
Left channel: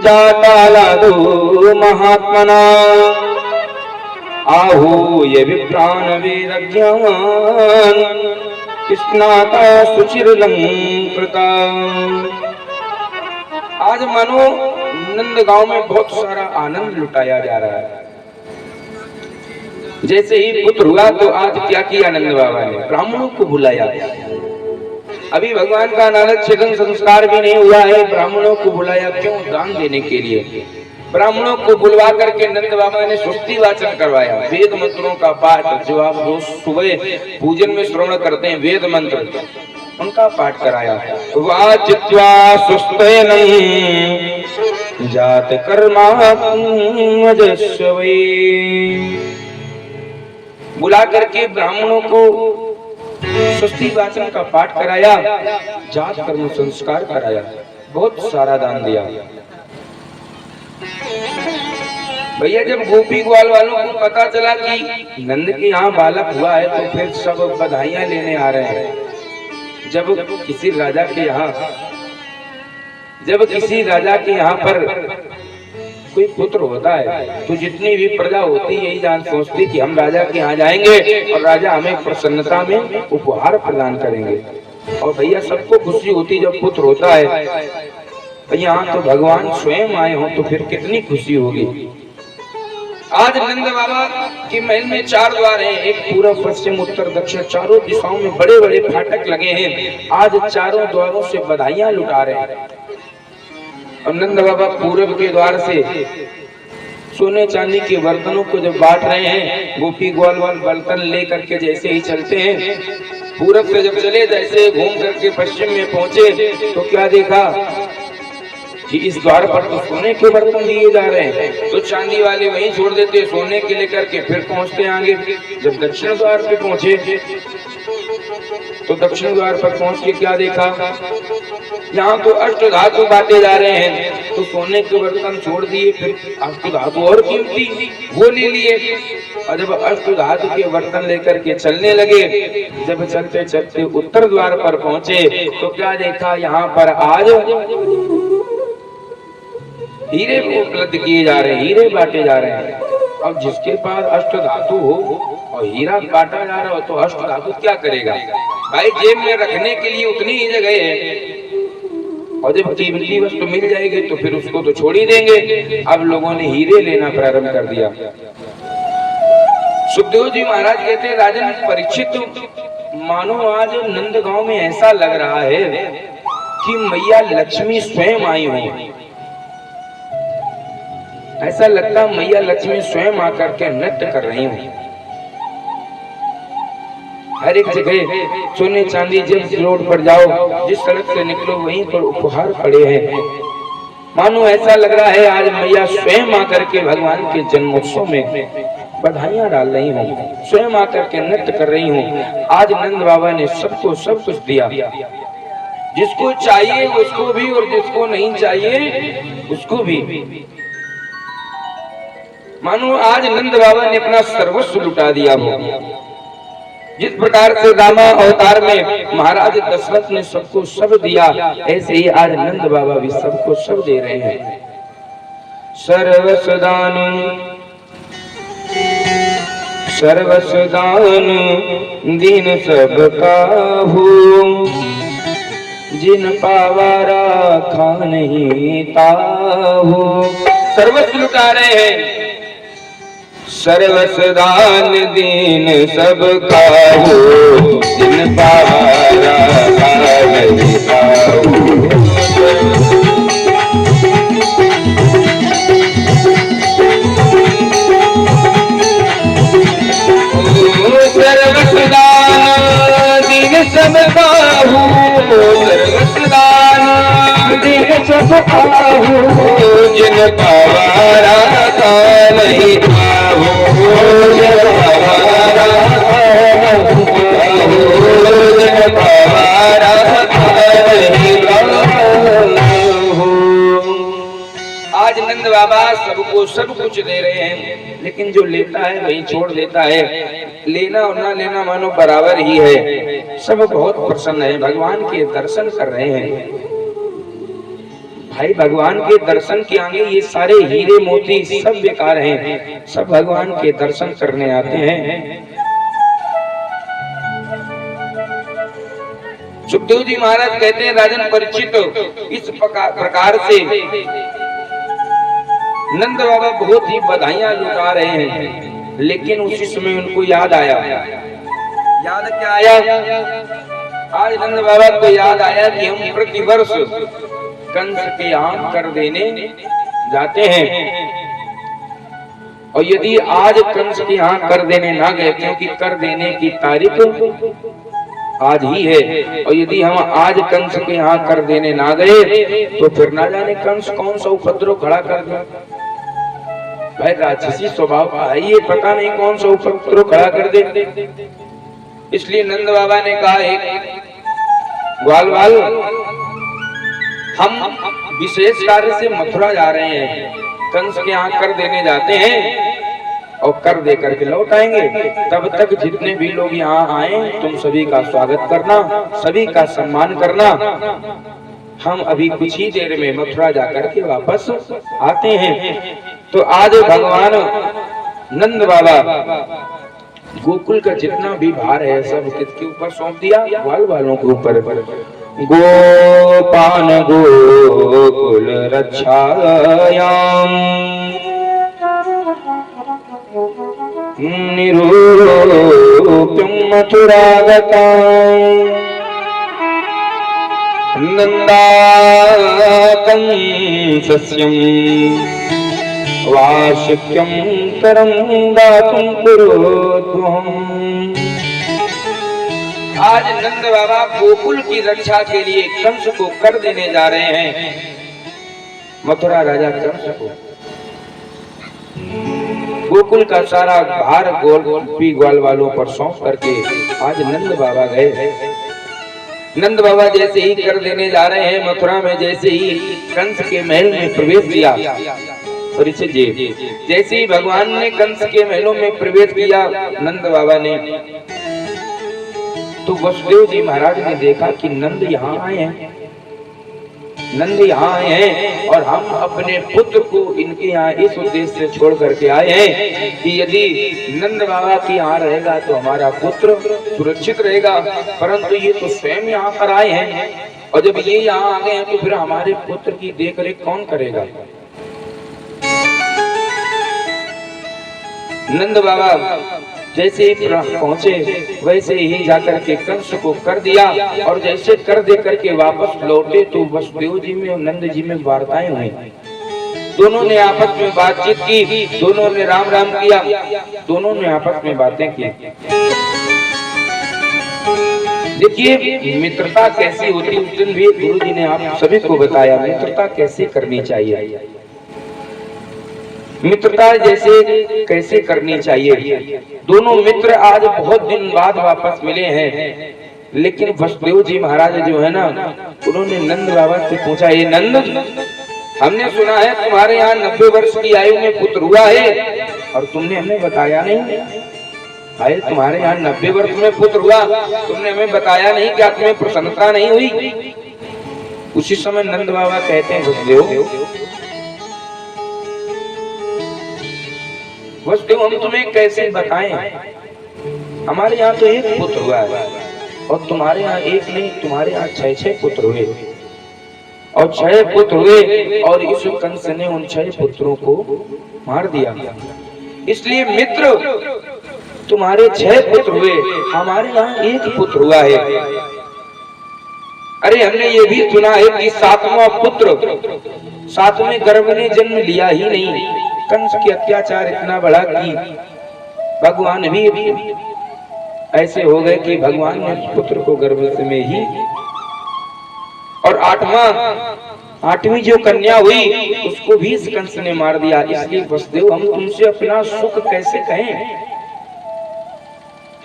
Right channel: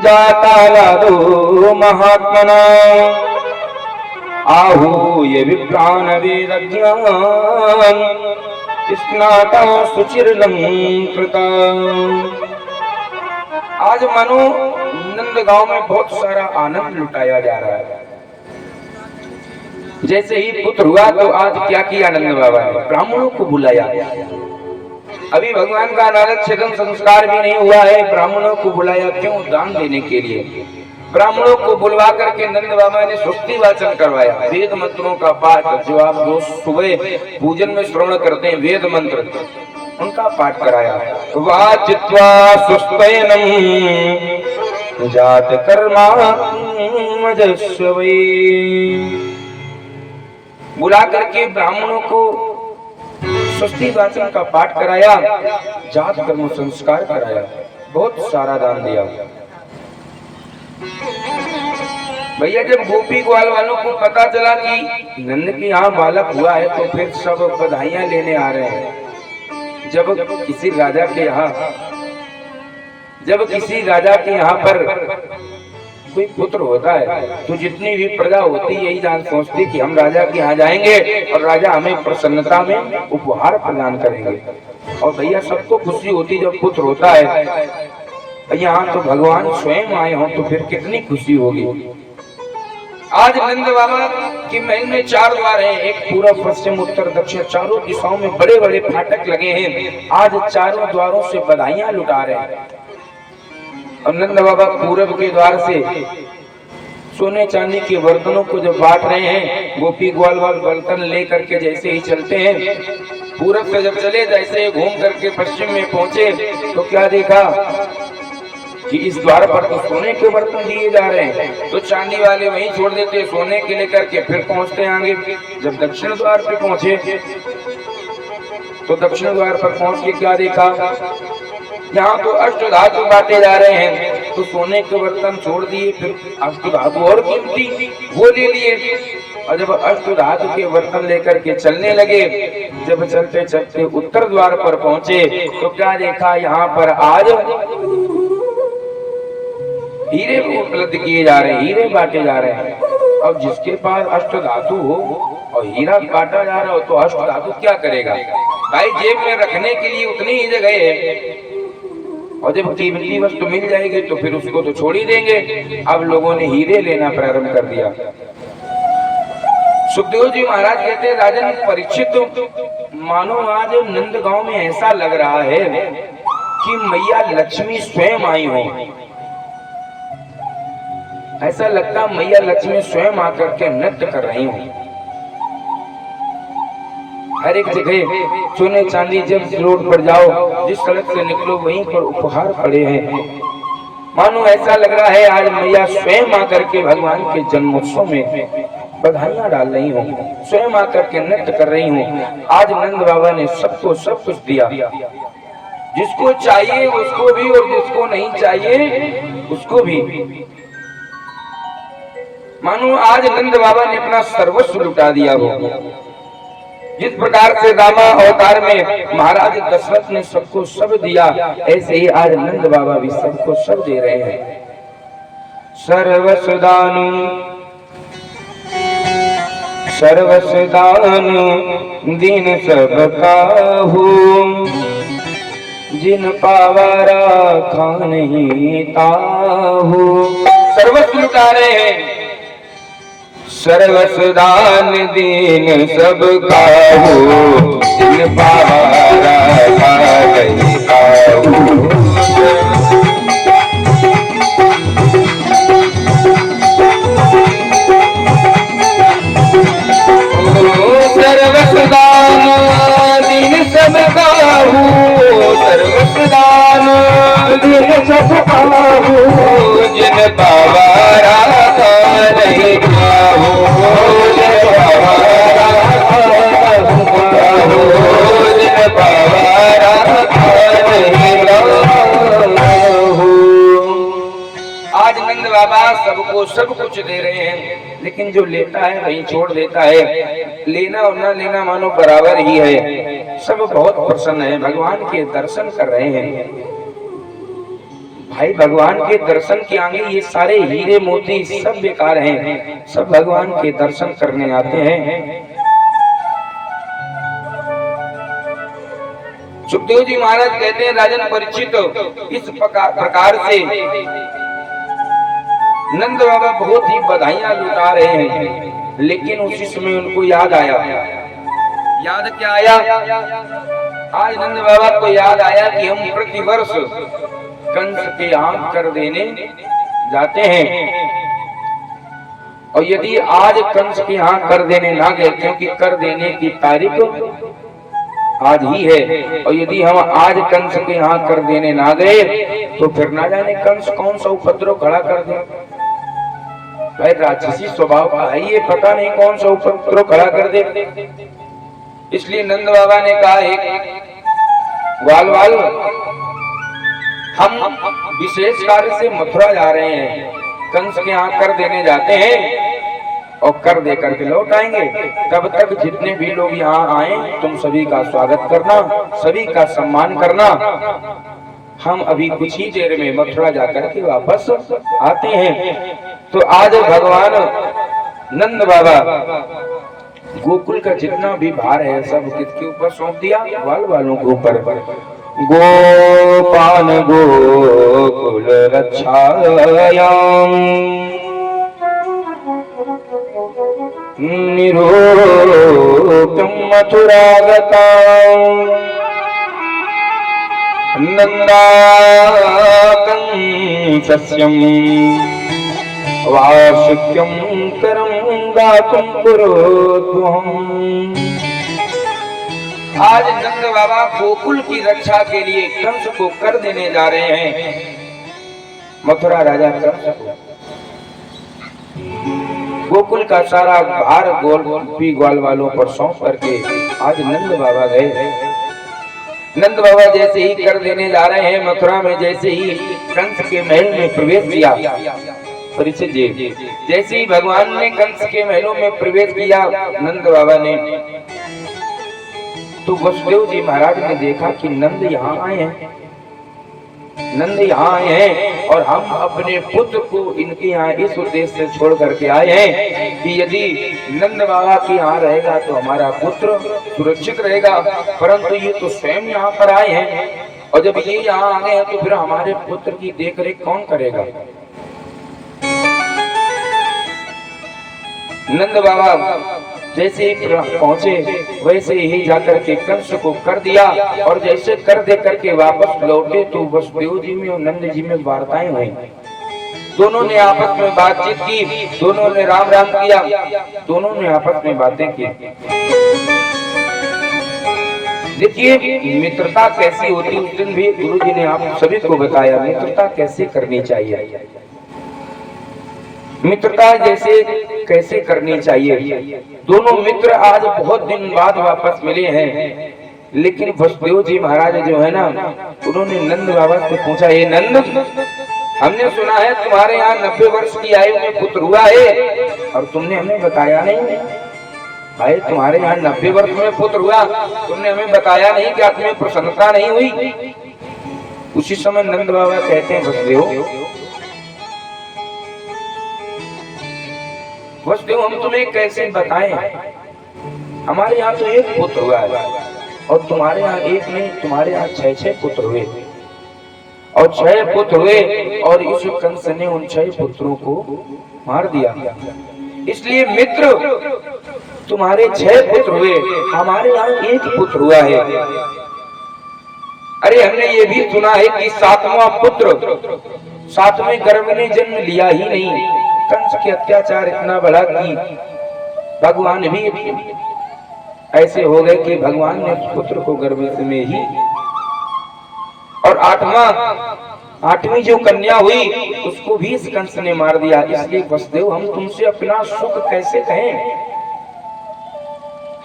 जातालादो महात्मना आहूय विप्रान वेदज्ञान स्नाता सुचिरलंकृता। आज मानो नंद गांव में बहुत सारा आनंद लुटाया जा रहा है। जैसे ही पुत्र हुआ तो आज क्या किया नंद बाबा ने, ब्राह्मणों को बुलाया। अभी भगवान का नारद छेदन संस्कार भी नहीं हुआ है, ब्राह्मणों को बुलाया क्यों? दान देने के लिए। ब्राह्मणों को बुलवा करके नंद बाबा ने स्तुति वाचन करवाया, वेद मंत्रों का पाठ, जो आप रोज सुबह पूजन में श्रवण करते हैं वेद मंत्र, उनका पाठ कराया। वाचित्वा सुस्तयनं जात कर्मात्मजस्वे, बुला करके ब्राह्मणों को स्तुति वाचन का पाठ कराया, जात कर्म संस्कार कराया, बहुत सारा दान दिया। भैया जब गोपी ग्वाल वालों को पता चला कि नंद के यहाँ बालक हुआ है तो फिर सब बधाइयां लेने आ रहे हैं। जब किसी राजा के यहाँ पर कोई पुत्र होता है तो जितनी भी प्रजा होती है यही जान सोचती कि हम राजा के यहाँ जाएंगे और राजा हमें प्रसन्नता में उपहार प्रदान करेंगे। और भैया सबको खुशी होती जब पुत्र होता है। यहाँ तो भगवान स्वयं आए हों तो फिर कितनी खुशी होगी। आज नंद बाबा के महल में 4 द्वार हैं, एक पूर्व पश्चिम उत्तर दक्षिण, चारों दिशाओं में बड़े बड़े फाटक लगे हैं। आज चारों द्वारों से बधाइयां लुटा रहे हैं। और नंद बाबा पूर्व के द्वार से सोने चांदी के बर्तनों को जब बांट रहे हैं, गोपी ग्वाल वाल बर्तन लेकर के जैसे ही चलते हैं, पूरब से जब चले जैसे घूम करके पश्चिम में पहुंचे तो क्या देखा कि इस द्वार पर तो सोने के बर्तन दिए जा रहे हैं, तो चांदी वाले वहीं छोड़ देते, सोने के लेकर के फिर पहुंचते आगे। जब दक्षिण द्वार पे पहुंचे तो दक्षिण द्वार पर पहुंच के क्या देखा, यहाँ तो अष्ट धातु बांटे जा रहे हैं, तो सोने के बर्तन छोड़ दिए, फिर अष्ट धातु और कीमती वो ले लिए। और जब अष्ट धातु के बर्तन लेकर के चलने लगे, जब चलते चलते उत्तर द्वार पर पहुंचे तो क्या देखा, यहाँ पर आज हीरे को उपलब्ध किए जा रहे हैं, हीरे बांटे जा रहे हैं। अब जिसके पास अष्ट धातु हो और हीरा बांटा जा रहा हो तो अष्ट धातु क्या करेगा भाई, जेब में रखने के लिए उतनी ही जगह है, और जब कीमती वस्तु मिल जाएगी तो फिर उसको तो छोड़ ही देंगे। अब लोगों ने हीरे लेना प्रारंभ कर दिया। सुखदेव जी महाराज कहते हैं, राजन परीक्षित, मानो आज नंद गांव में ऐसा लग रहा है कि मैया लक्ष्मी स्वयं आई हो। ऐसा लगता मैया लक्ष्मी स्वयं आकर के नृत्य कर रही हूँ। हर एक जगह सोने चांदी, जब रोड पर जाओ, जिस सड़क से निकलो वहीं पर उपहार पड़े हैं। मानो ऐसा लग रहा है आज मैया स्वयं आकर के भगवान के जन्मोत्सव में बधाइयां डाल रही हूँ, स्वयं आकर के नृत्य कर रही हूँ। आज नंद बाबा ने सबको सब कुछ दिया, जिसको चाहिए उसको भी और जिसको नहीं चाहिए उसको भी। मानो आज नंद बाबा ने अपना सर्वस्व लुटा दिया हो। जिस प्रकार से रामा अवतार में महाराज दशरथ ने सबको सब दिया, ऐसे ही आज नंद बाबा भी सबको सब दे रहे हैं। सर्वस्वदान सर्वस्वदान दीन सब काहू, जिन पावारा खा नहीं ताहू। सर्वस्व लुटा रहे हैं। सर्वस्वदान दीन सब काहू, जिन पावारा खा नहीं ताहू। सब काहू, सर्वस्वदान दीन सब काहू, जिन पावारा नहीं ताहू, जिन पावारा सब कुछ दे रहे हैं, लेकिन जो लेता है वही छोड़ देता है। लेना और ना लेना मानो बराबर ही है। सब बहुत प्रसन्न है, भगवान के दर्शन कर रहे हैं। भाई भगवान के दर्शन के आगे ये सारे हीरे मोती सब बेकार हैं, सब भगवान के दर्शन करने आते हैं। सुखदेव जी महाराज कहते हैं, राजन परीक्षित, इस प्रकार से नंद बाबा बहुत ही बधाइयां लुटा रहे हैं, लेकिन उसी समय उनको याद आया। याद क्या आया? आज नंद बाबा को याद आया कि हम प्रतिवर्ष कंस के यहाँ कर देने जाते हैं, और यदि आज कंस के यहाँ कर देने ना गए, क्योंकि कर देने की तारीख आज ही है, और यदि हम आज कंस के यहाँ कर देने ना गए तो फिर ना जाने कंस कौन सा उपद्रव खड़ा कर दे। भाई राक्षसी स्वभाव का है ये, पता नहीं कौन सा उपद्रव खड़ा कर दे। इसलिए नंद बाबा ने कहा, ग्वाल वाल, हम विशेष कार्य से मथुरा जा रहे हैं, कंस के यहाँ कर देने जाते हैं और कर दे करके लौट आएंगे। तब तक जितने भी लोग यहाँ आए तुम सभी का स्वागत करना, सभी का सम्मान करना। हम अभी कुछ ही देर में मथुरा जाकर के वापस आते हैं। तो आज भगवान नंद बाबा गोकुल का जितना भी भार है सब किसके ऊपर सौंप दिया? ग्वाल वालों के ऊपर। गोपान गोकुल रक्षायाम निरूपं मथुरागता नन्दाकंसस्यं वार्षिक्यं करं दातुं कुरुद्वहम्। आज नंद बाबा गोकुल की रक्षा के लिए कंस को कर देने जा रहे हैं। मथुरा राजा कंस को गोकुल का सारा भार गोपी ग्वाल वालों पर सौंप करके आज नंद बाबा गए। नंद बाबा जैसे ही कर देने जा रहे हैं मथुरा में, जैसे ही कंस के महल में प्रवेश किया, परीक्षित जी, जैसे ही भगवान ने कंस के महलों में प्रवेश किया नंद बाबा ने, तो वसुदेव जी महाराज ने देखा कि नंद यहाँ आए हैं, नंद यहाँ आए हैं, और हम अपने पुत्र को इनके यहाँ इस उद्देश्य से छोड़ करके आए हैं कि यदि नंद बाबा के यहाँ रहेगा तो हमारा पुत्र सुरक्षित रहेगा। परंतु ये तो स्वयं यहाँ पर आए हैं, और जब ये यहाँ आ गए हैं तो फिर हमारे पुत्र की देखरेख कौन करेगा? नंद बाबा जैसे ही पहुंचे वैसे ही जाकर के कंस को कर दिया, और जैसे कर दे करके वापस लौटे तो वसुदेव जी में और नंद जी में वार्ताएं हुई। दोनों ने आपस में बातचीत की, दोनों ने राम राम किया, दोनों ने आपस में बातें की। देखिए मित्रता कैसी होती, उस दिन भी गुरु जी ने आप सभी को बताया मित्रता कैसे करनी चाहिए, मित्रता जैसे कैसे करनी चाहिए। दोनों मित्र आज बहुत दिन बाद वापस मिले हैं, लेकिन वसुदेव जी महाराज जो है ना, उन्होंने नंद बाबा से पूछा, ये नंद, हमने सुना है तुम्हारे यहाँ 90 वर्ष की आयु में पुत्र हुआ है और तुमने हमें बताया नहीं। भाई तुम्हारे यहाँ 90 वर्ष में पुत्र हुआ, तुमने हमें बताया नहीं, क्या तुम्हें प्रसन्नता नहीं हुई? उसी समय नंद बाबा कहते हैं, वसुदेव हम तुम्हें कैसे बताएं, हमारे यहाँ तो एक पुत्र हुआ है और तुम्हारे यहाँ एक नहीं, तुम्हारे यहाँ 6 पुत्र हुए, और 6 पुत्र हुए, और इस कंस ने उन 6 पुत्रों को मार दिया। इसलिए मित्र तुम्हारे 6 पुत्र हुए, हमारे यहाँ एक पुत्र हुआ है। अरे हमने ये भी सुना है कि 7वां पुत्र 7वें गर्भ ने जन्म लिया ही नहीं। कंस के अत्याचार इतना बढ़ा कि भगवान भी ऐसे हो गए कि भगवान ने पुत्र को गर्भ में ही, और 8वीं जो कन्या हुई उसको भी इस कंस ने मार दिया। इसलिए वसुदेव हम तुमसे अपना सुख कैसे कहें,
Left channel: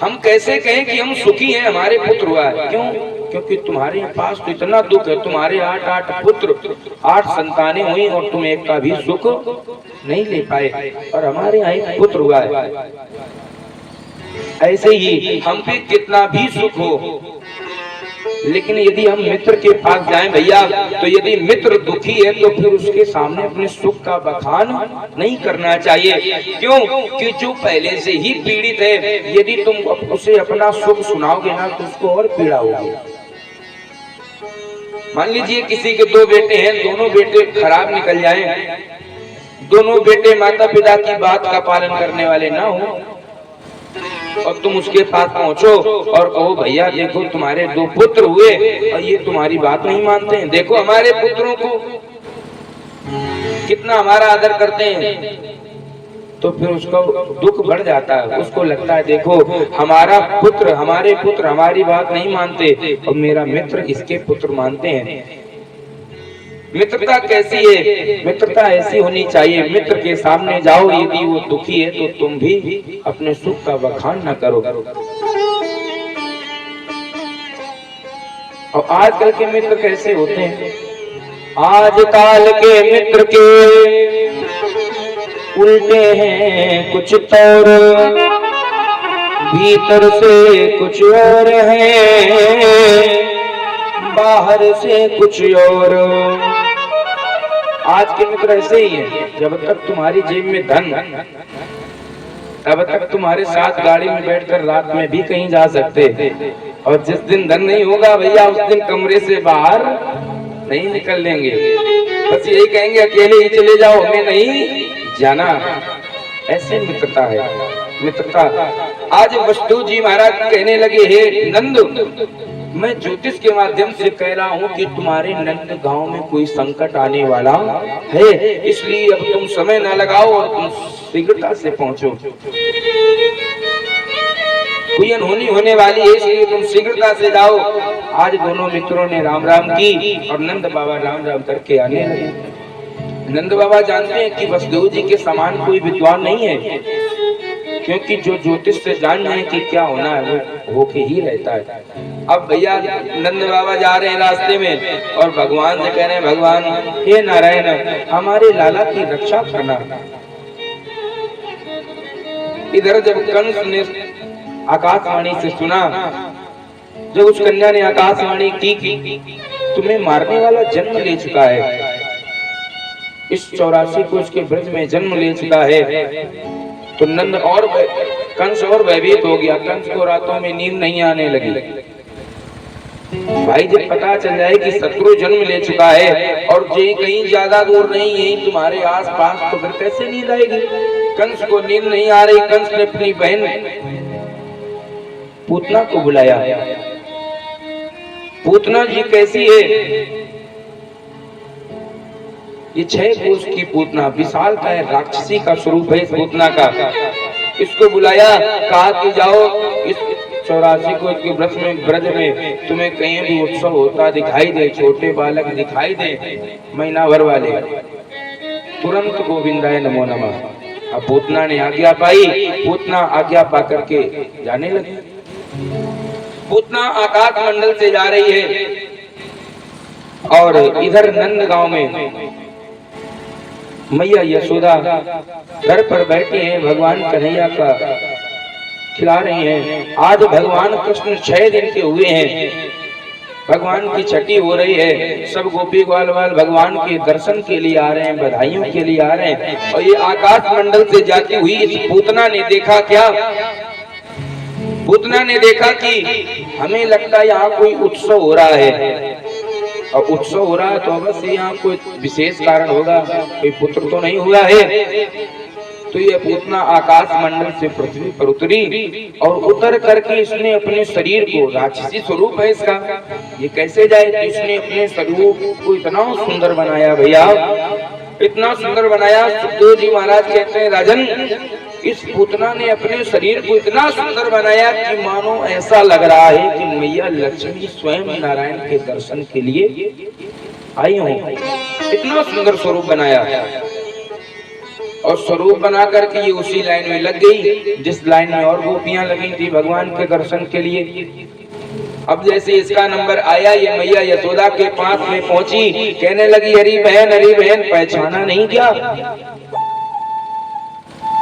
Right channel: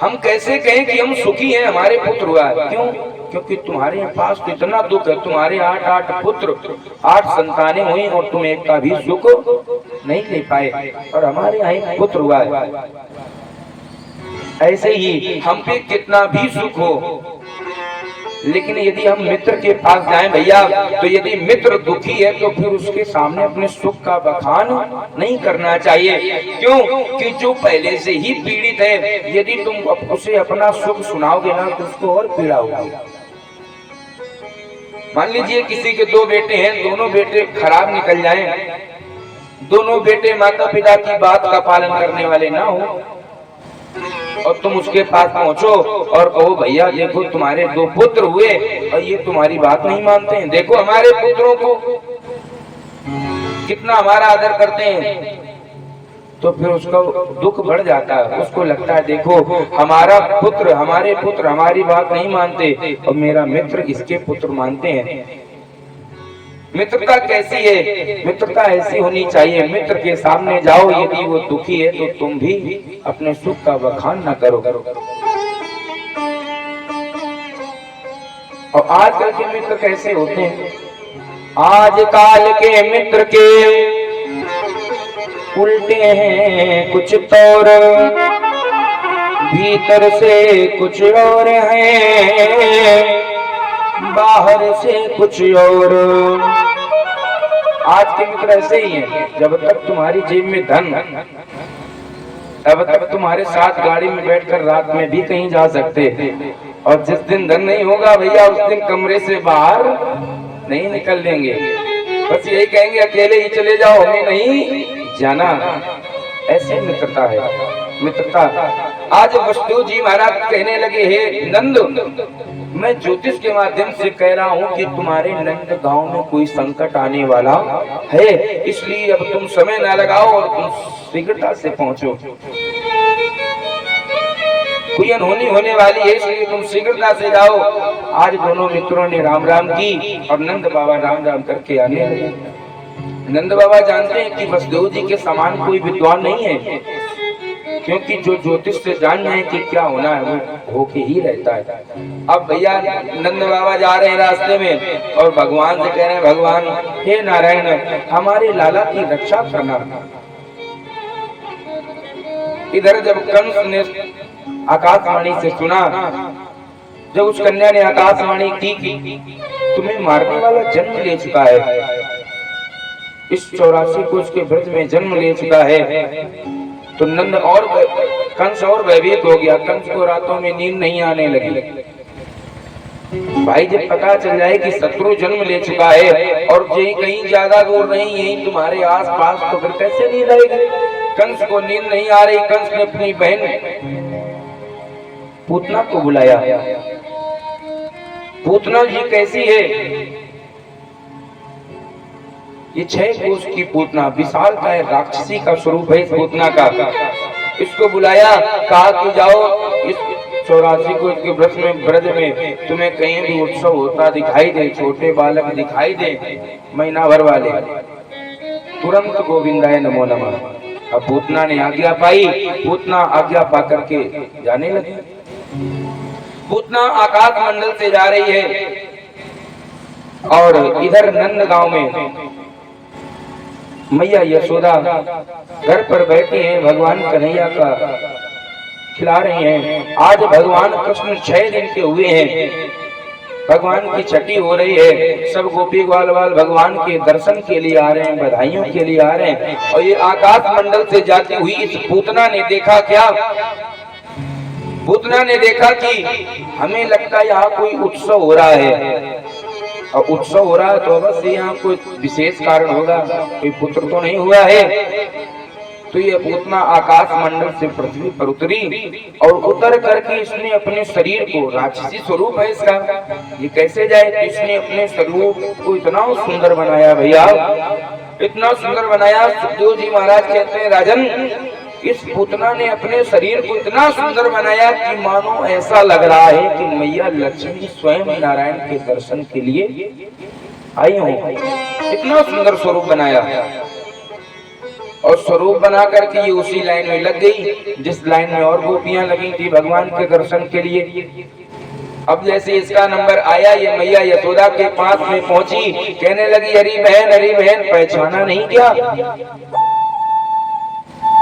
हम कैसे कहें कि हम सुखी हैं, हमारे पुत्र हुआ है। क्यों? क्योंकि तुम्हारे पास तो इतना दुख है, तुम्हारे 8 पुत्र 8 संतानें हुई और तुम एक का भी सुख नहीं ले पाए और हमारे यहाँ एक पुत्र हुआ है। ऐसे ही हम पे कितना भी सुख हो, लेकिन यदि हम मित्र के पास जाएं भैया, तो यदि मित्र दुखी है तो फिर उसके सामने अपने सुख का बखान नहीं करना चाहिए। क्यों कि जो पहले से ही पीड़ित है, यदि तुम उसे अपना सुख सुनाओगे ना तो उसको और पीड़ा होगी। मान लीजिए किसी के दो बेटे हैं, दोनों बेटे खराब निकल जाएं, दोनों बेटे माता पिता की बात का पालन करने वाले ना हो, और तुम उसके पास पहुंचो और कहो भैया देखो तुम्हारे दो पुत्र हुए और ये तुम्हारी बात नहीं मानते हैं, देखो हमारे पुत्रों को कितना हमारा आदर करते हैं, तो फिर उसको दुख बढ़ जाता है। उसको लगता है देखो हमारे पुत्र हमारी बात नहीं मानते और मेरा मित्र इसके पुत्र मानते हैं। मित्रता कैसी है? मित्रता ऐसी होनी चाहिए, मित्र के सामने जाओ, यदि वो दुखी है तो तुम भी अपने सुख का बखान न करो। और आजकल के मित्र कैसे होते हैं? आजकल के मित्र के उल्टे हैं कुछ तौर, भीतर से कुछ और है, बाहर से कुछ और। आज के मित्र ऐसे ही हैं, जब तक तुम्हारी जेब में धन, तब तक तुम्हारे साथ गाड़ी में बैठकर रात में भी कहीं जा सकते, और जिस दिन धन नहीं होगा भैया उस दिन कमरे से बाहर नहीं निकल लेंगे, बस यही कहेंगे अकेले ही चले जाओ, हमें नहीं जाना। ऐसे मित्रता है, मित्रता। आज वसुदेव जी महाराज कहने लगे, हे नंद, मैं ज्योतिष के माध्यम से कह रहा हूँ कि तुम्हारे नंद गांव में कोई संकट आने वाला है, इसलिए अब तुम समय न लगाओ और तुम शीघ्रता से पहुंचो। कोई अनहोनी होने वाली है, इसलिए तुम शीघ्रता से जाओ। आज दोनों मित्रों ने राम राम की और नंद बाबा राम राम करके आने लगे। नंद बाबा जानते हैं कि वसुदेव जी के समान कोई विद्वान नहीं है, क्योंकि जो ज्योतिष से जान जाए कि क्या होना है वो होके ही रहता है। अब भैया नंद बाबा जा रहे हैं रास्ते में और भगवान से कह रहे हैं, भगवान हे नारायण हमारे लाला की रक्षा करना। इधर जब कंस ने आकाशवाणी से सुना, जब उस कन्या ने आकाशवाणी की तुम्हें मारने वाला जन्म ले चुका है, इस 84 को उसके ब्रज में जन्म ले चुका है, तो नंद और कंस और भयभीत हो गया। कंस को रातों में नींद नहीं आने लगी। भाई जब पता चल जाए कि शत्रु जन्म ले चुका है और यही कहीं ज्यादा दूर नहीं, यही तुम्हारे आसपास, तो फिर कैसे नींद आएगी? कंस को नींद नहीं आ रही। कंस ने अपनी बहन पूतना को बुलाया। पूतना जी कैसी है? ये 6 कोस की पूतना, विशाल का है, राक्षसी का स्वरूप है इस पूतना का। इसको बुलाया, कहा कि जाओ इस 84 को इसके ब्रज में तुम्हें कहीं भी उत्सव होता दिखाई दे, छोटे बालक दिखाई दे, महीना भर वाले, तुरंत गोविंदाय नमो नमः। अब पूतना ने आज्ञा पाई, पूतना आज्ञा पा करके जाने लगी। पूतना आकाश मंडल से जा रही है और इधर नंद गांव में मैया यशोदा घर पर बैठी हैं, भगवान कन्हैया का खिला रही हैं। आज भगवान कृष्ण 6 दिन के हुए हैं, भगवान की छठी हो रही है, सब गोपी ग्वाल भगवान के दर्शन के लिए आ रहे हैं, बधाइयों के लिए आ रहे हैं। और ये आकाश मंडल से जाती हुई इस पूतना ने देखा, क्या पूतना ने देखा कि हमें लगता है यहाँ कोई उत्सव हो रहा है, और उत्सव हो रहा है तो अवश्य यहाँ कोई विशेष कारण होगा, कोई पुत्र तो नहीं हुआ है। तो ये पूतना आकाश मंडल से पृथ्वी पर उतरी और उतर करके इसने अपने शरीर को, राक्षसी स्वरूप है इसका, ये कैसे जाए? तो इसने अपने शरीर को इतना सुंदर बनाया भैया, इतना सुंदर बनाया। सुखदेव जी महाराज कहते हैं, राजन इस पूतना ने अपने शरीर को इतना सुंदर बनाया कि मानो ऐसा लग रहा है कि मैया लक्ष्मी स्वयं नारायण के दर्शन के लिए आई हो। इतना सुंदर स्वरूप बनाया, और स्वरूप बना करके ये उसी लाइन में लग गई जिस लाइन में और गोपियां लगी थी भगवान के दर्शन के लिए। अब जैसे इसका नंबर आया, ये मैया यशोदा के पास में पहुंची, कहने लगी, हरी बहन पहचाना नहीं क्या?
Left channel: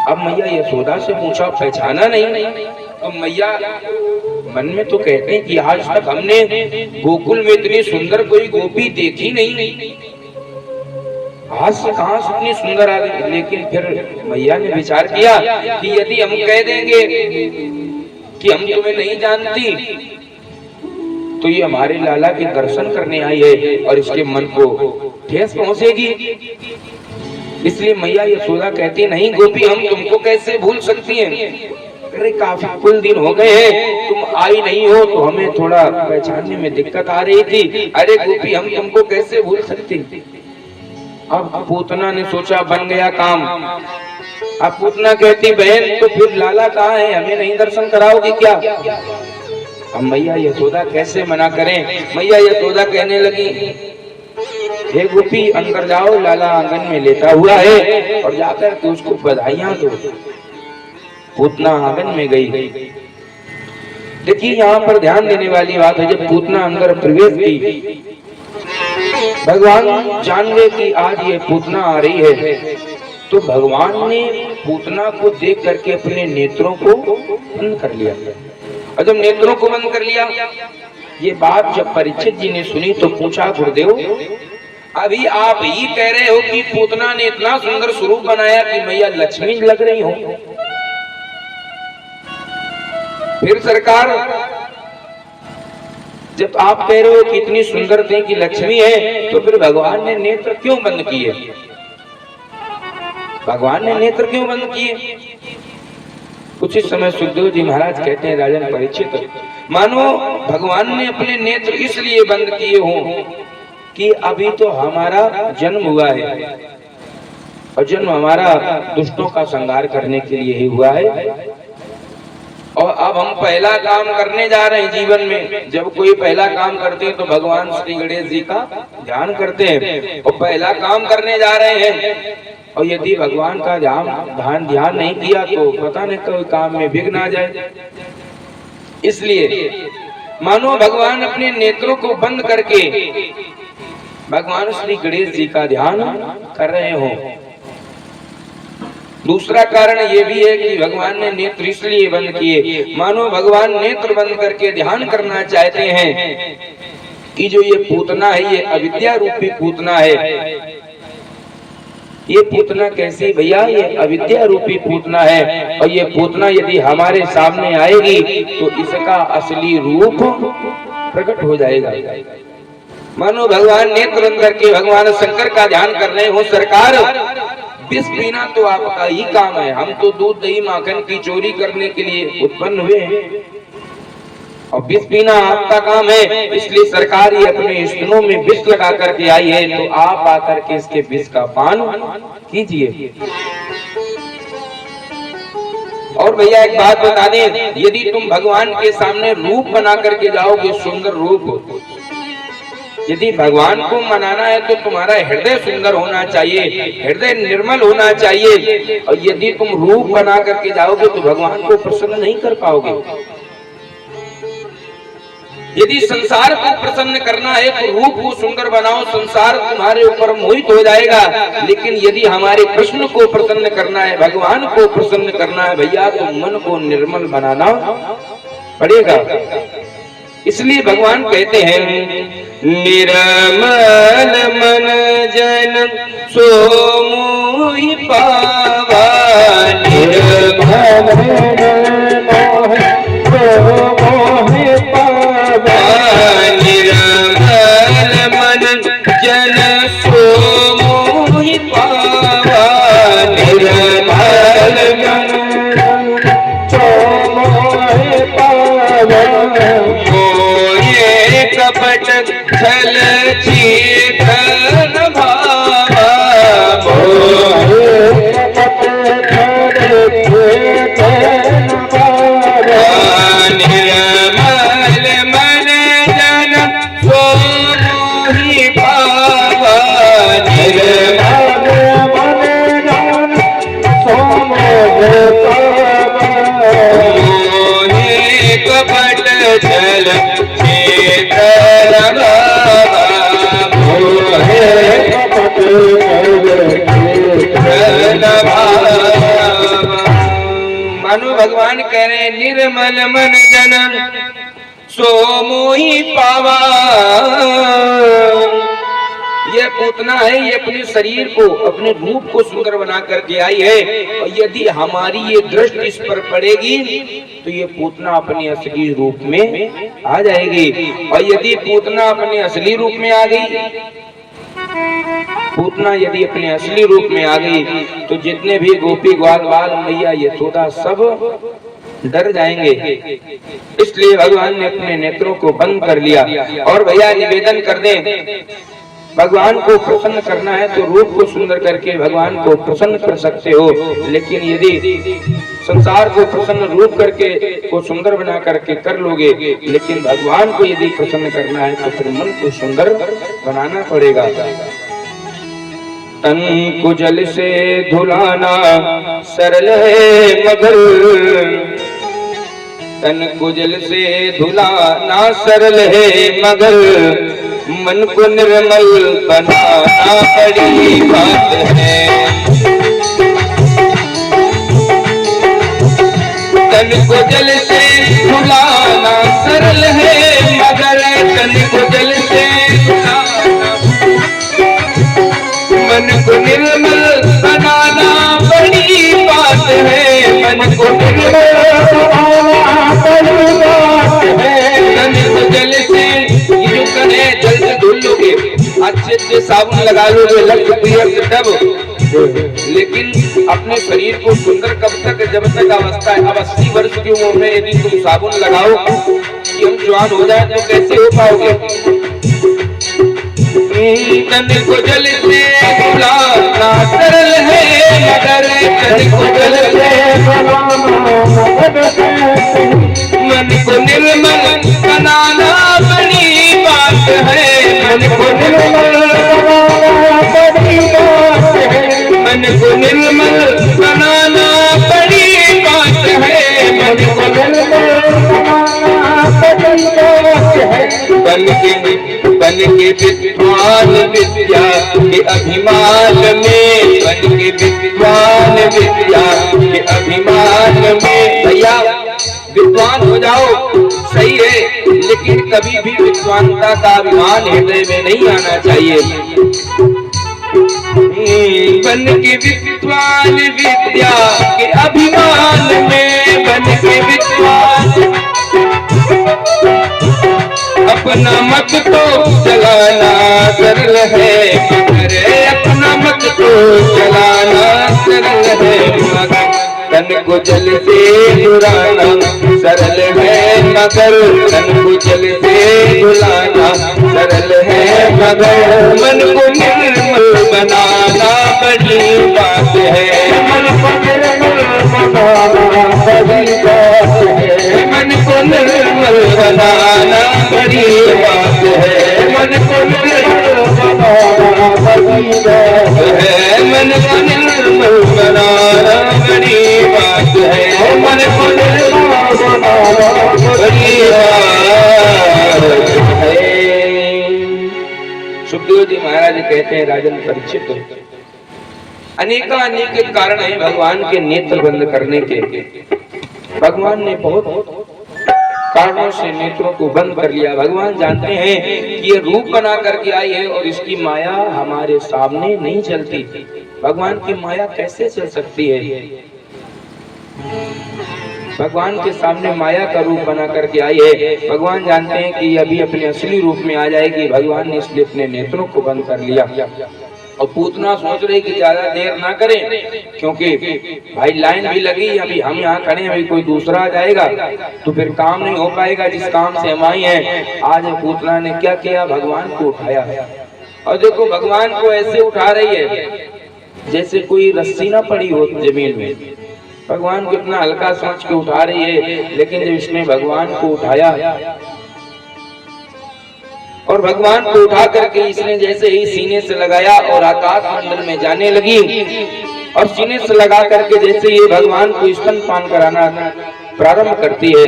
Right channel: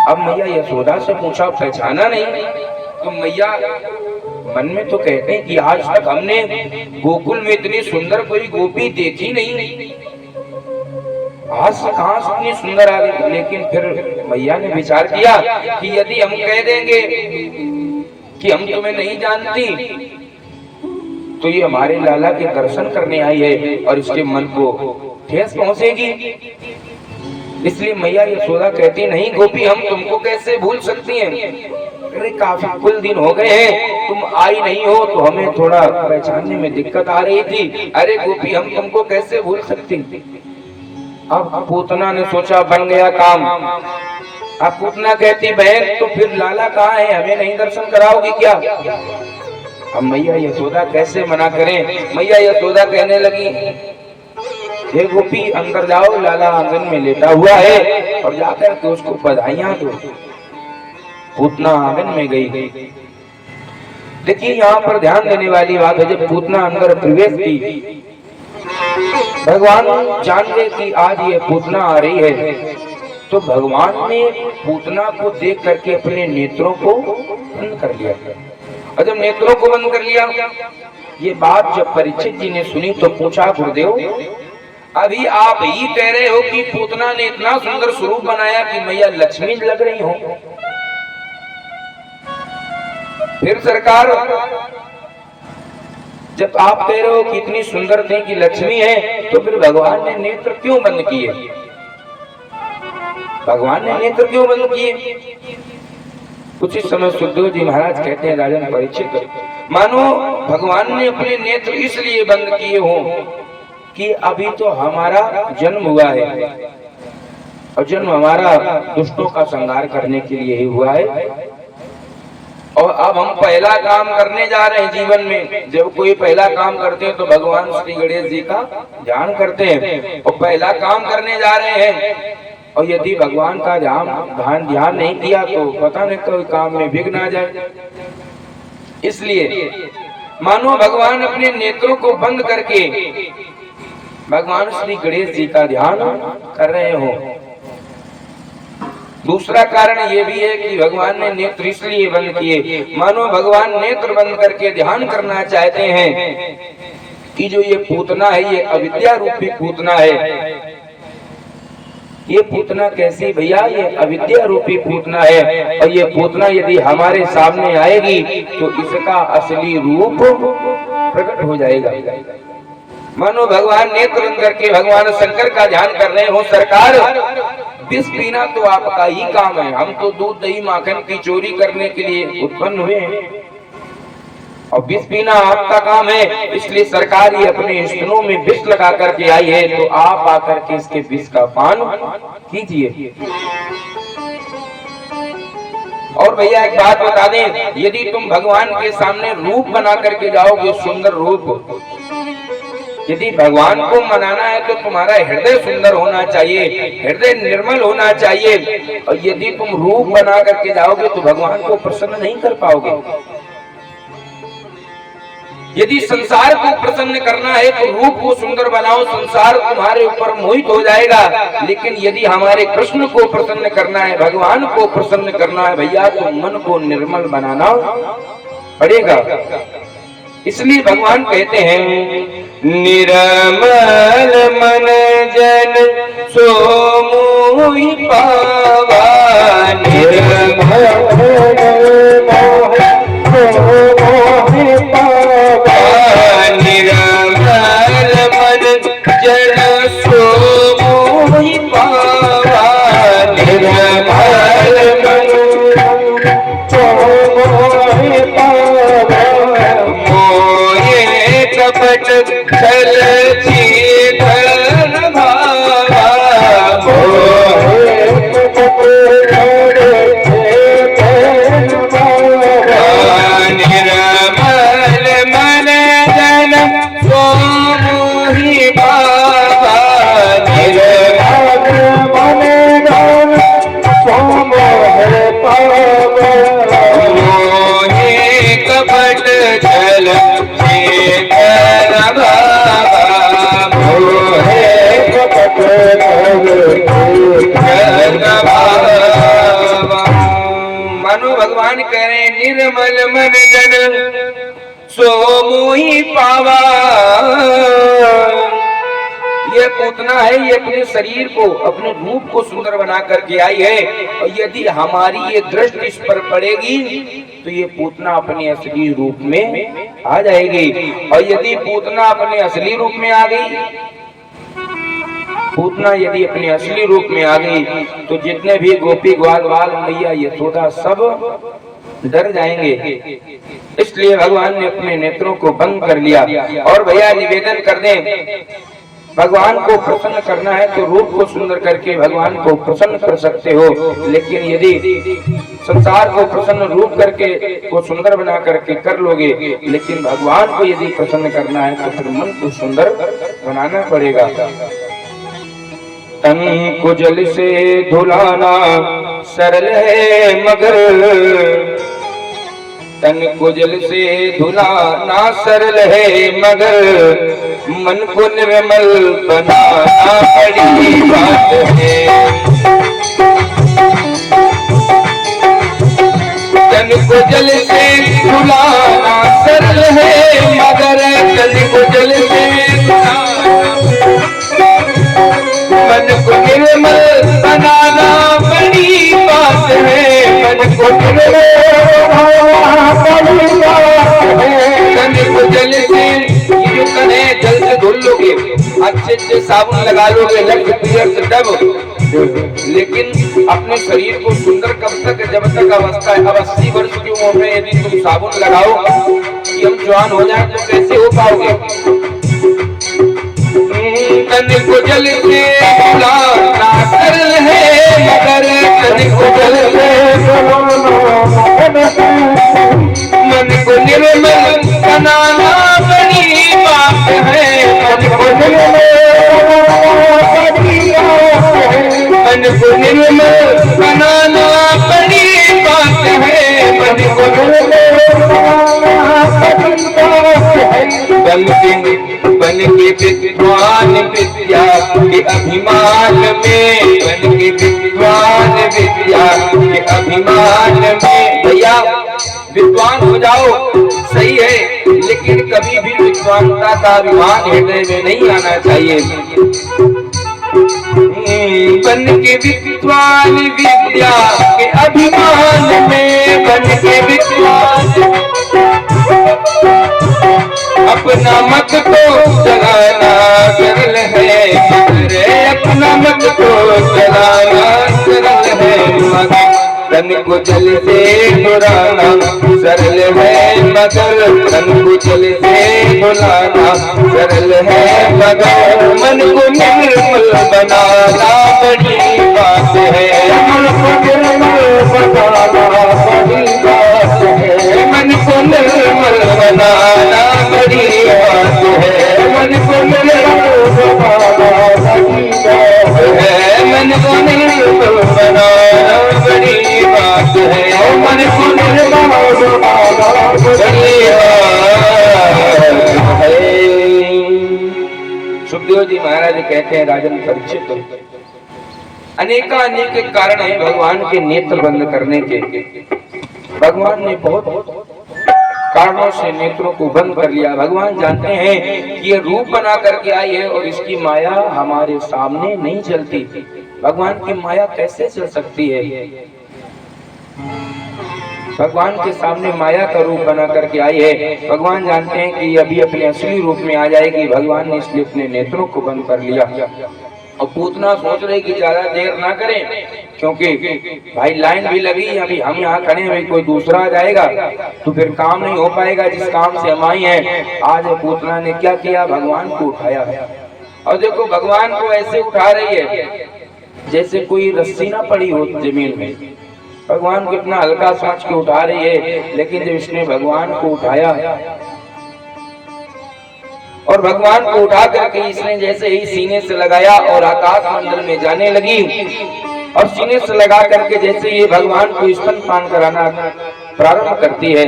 अब मैया यशोदा से पूछा, पहचाना नहीं? तो मैया मन में तो कहते हैं कि आज तक हमने गोकुल में इतनी सुंदर कोई गोपी देखी नहीं, आज से कहां से इतनी सुंदर आ गई। लेकिन फिर मैया ने विचार किया कि यदि हम कह देंगे कि हम तुम्हें नहीं जानती तो ये हमारे लाला के दर्शन करने आई है और इसके मन को ठेस पहुंचेगी। इसलिए मैया यशोदा कहती, नहीं गोपी, हम तुमको कैसे भूल सकती हैं? अरे काफी कुल दिन हो गए हैं, तुम आई नहीं हो तो हमें थोड़ा पहचानने में दिक्कत आ रही थी। अरे गोपी, हम तुमको कैसे भूल सकती? अब पूतना ने सोचा, बन गया काम। अब पूतना कहती, बहन तो फिर लाला कहाँ है, हमें नहीं दर्शन कराओगी क्या? अब मैया यशोदा कैसे मना करें? मैया यशोदा कहने लगी, हे गोपी, अंदर जाओ, लाला आंगन में लेटा हुआ है और जाकर के उसको बधाइयां दो। पूतना आंगन में गई। देखिए यहाँ पर ध्यान देने वाली बात है, जब पूतना अंदर प्रवेश की, भगवान जान गए कि आज ये पूतना आ रही है, तो भगवान ने पूतना को देख करके अपने नेत्रों को बंद कर लिया। और जब नेत्रों को बंद कर लिया, ये बात जब परीक्षित जी ने सुनी तो पूछा, गुरुदेव, अभी आप ही कह रहे हो कि पूतना ने इतना सुंदर स्वरूप बनाया कि मैया लक्ष्मी लग रही हो, फिर सरकार जब आप कह रहे हो कि इतनी सुंदर थी कि लक्ष्मी है, तो फिर भगवान ने नेत्र क्यों बंद किए? भगवान ने नेत्र क्यों बंद किए? कुछ इस समय सुखदेव जी महाराज कहते हैं, राजन परीक्षित, मानो भगवान ने अपने नेत्र इसलिए बंद किए हों कि अभी तो हमारा जन्म हुआ है और जन्म हमारा दुष्टों का संहार करने के लिए ही हुआ है, और अब हम पहला काम करने जा रहे हैं जीवन में। जब कोई पहला काम करते हैं तो भगवान श्री गणेश जी का ध्यान करते हैं, और पहला काम करने जा रहे हैं, और यदि भगवान का ध्यान नहीं किया तो पता नहीं कोई काम में विघ्न आ जाए। इसलिए मानो भगवान अपने नेत्रों को बंद करके भगवान श्री गणेश जी का ध्यान कर रहे हो। दूसरा कारण ये भी है कि भगवान ने नेत्र इसलिए बंद किए, मानो भगवान नेत्र बंद करके ध्यान करना चाहते हैं कि जो ये पूतना है, ये अविद्या रूपी पूतना है। ये पूतना कैसी भैया? ये अविद्या रूपी पूतना है, और ये पूतना यदि हमारे सामने आएगी तो इसका असली रूप प्रकट हो जाएगा। मानो भगवान नेत्र बंद करके भगवान शंकर का ध्यान कर रहे हो, सरकार विष पीना तो आपका ही काम है, हम तो दूध दही माखन की चोरी करने के लिए उत्पन्न हुए हैं, और विष पीना आपका काम है। इसलिए सरकार ये अपने स्तनों में विष लगा करके आई है, तो आप आकर के इसके विष का पान कीजिए। और भैया एक बात बता दें, यदि तुम भगवान के सामने रूप बना करके जाओगे, सुंदर रूप, यदि भगवान को मनाना है तो तुम्हारा हृदय सुंदर होना चाहिए, हृदय निर्मल होना चाहिए, और यदि तुम रूप बना करके जाओगे तो भगवान को प्रसन्न नहीं कर पाओगे। यदि संसार को प्रसन्न करना है तो रूप को सुंदर बनाओ, संसार तुम्हारे ऊपर मोहित हो जाएगा। लेकिन यदि हमारे कृष्ण को प्रसन्न करना है, भगवान को प्रसन्न करना है भैया, तो मन को निर्मल बनाना पड़ेगा। इसलिए भगवान कहते हैं, निर्मल मन जन सो मोहि पावा, निर्मल Jai Baba भगवान कह रहे हैं निर्मल मन जन सो मोहि पावा। ये पूतना है, ये अपने शरीर को, अपने रूप को सुंदर बना करके आई है, और यदि हमारी ये दृष्टि इस पर पड़ेगी तो ये पूतना अपने असली रूप में आ जाएगी। और यदि पूतना अपने असली रूप में आ गई, पूतना यदि अपने असली रूप में आ गई तो जितने भी गोपी ग्वाल बाल मैया यशोदा सब डर जाएंगे। इसलिए भगवान ने अपने नेत्रों को बंद कर लिया। और भैया निवेदन कर दें, भगवान को प्रसन्न करना है तो रूप को सुंदर करके भगवान को प्रसन्न कर सकते हो, लेकिन यदि संसार को प्रसन्न रूप करके को सुंदर बना करके कर लोगे, लेकिन भगवान को यदि प्रसन्न करना है तो फिर मन को सुंदर बनाना पड़ेगा। तन को जल से धुलाना सरल है मगर, तन को जल से धुलाना सरल है मगर मन को निर्मल बनाना बड़ी बात है। तन को जल से धुलाना सरल है मगर तन को जल से धुलाना मन को निर्मल बनाना बड़ी बात है। मन को निर्मल अच्छे से साबुन लगा लोगे लग तब, लेकिन अपने शरीर को सुंदर कब तक, जब तक अवस्था है। अब 80 वर्ष की उम्र में यदि तुम साबुन लगाओ कि हम जवान हो जाए तो कैसे हो पाओगे। तन को जल से धुलाना सरल है मगर तन को जल से मन को निर्मल बनाना बड़ी बात है। मन को निर्मल बनाना बड़ी बात है। मन को बन के विद्वान विद्या के अभिमान में, बन के विद्वान विद्या के अभिमान में। भैया विद्वान हो जाओ सही है, लेकिन कभी भी विद्वानता का अभिमान हृदय में नहीं आना चाहिए। बन के विद्वान विद्या के अभिमान में, बन के विद्वान अपना मत को चलाना सरल है मगर, अपना मत को चलाना सरल है मगर तन को जल से धुलाना सरल है मगर, तन को जल से धुलाना सरल है मगर मन को निर्मल बनाना बड़ी बात है। मन को निर्मल बनाना बड़ी बात है। मन को निर्मल बनाना बड़ी बात है। मन को निर्मल बनाना बड़ी बात है। मन को निर्मल बनाना बड़ी बात है। मन को निर्मल बनाना बड़ी बात है। सुखदेव जी महाराज कहते हैं, राजन परीक्षित, अनेक कारण है भगवान के नेत्र बंद करने के। भगवान ने बहुत कारणों से नेत्रों को बंद कर लिया। भगवान जानते हैं कि ये रूप बना करके आई है और इसकी माया हमारे सामने नहीं चलती। भगवान की माया कैसे चल सकती है। भगवान के सामने माया का रूप बना करके आई है। भगवान जानते हैं कि अभी अपने असली रूप में आ जाएगी। भगवान ने इसलिए अपने नेत्रों को बंद कर लिया। और पूतना सोच रहे कि ज्यादा देर ना करें, क्योंकि भाई लाइन भी लगी, अभी हम यहाँ खड़े हैं, अभी कोई दूसरा आ जाएगा तो फिर काम नहीं हो पाएगा जिस काम से हम आई हैं। आज पूतना ने क्या किया, भगवान को उठाया। और देखो भगवान को ऐसे उठा रही है जैसे कोई रस्सी ना पड़ी हो जमीन में। भगवान को इतना हल्का सोच के उठा रही है, लेकिन जब इसने भगवान को उठाया और भगवान को उठा करके इसने जैसे ही सीने से लगाया और आकाश मंडल में जाने लगी, और सीने से लगा करके जैसे ये भगवान को स्तनपान कराना प्रारंभ करती है,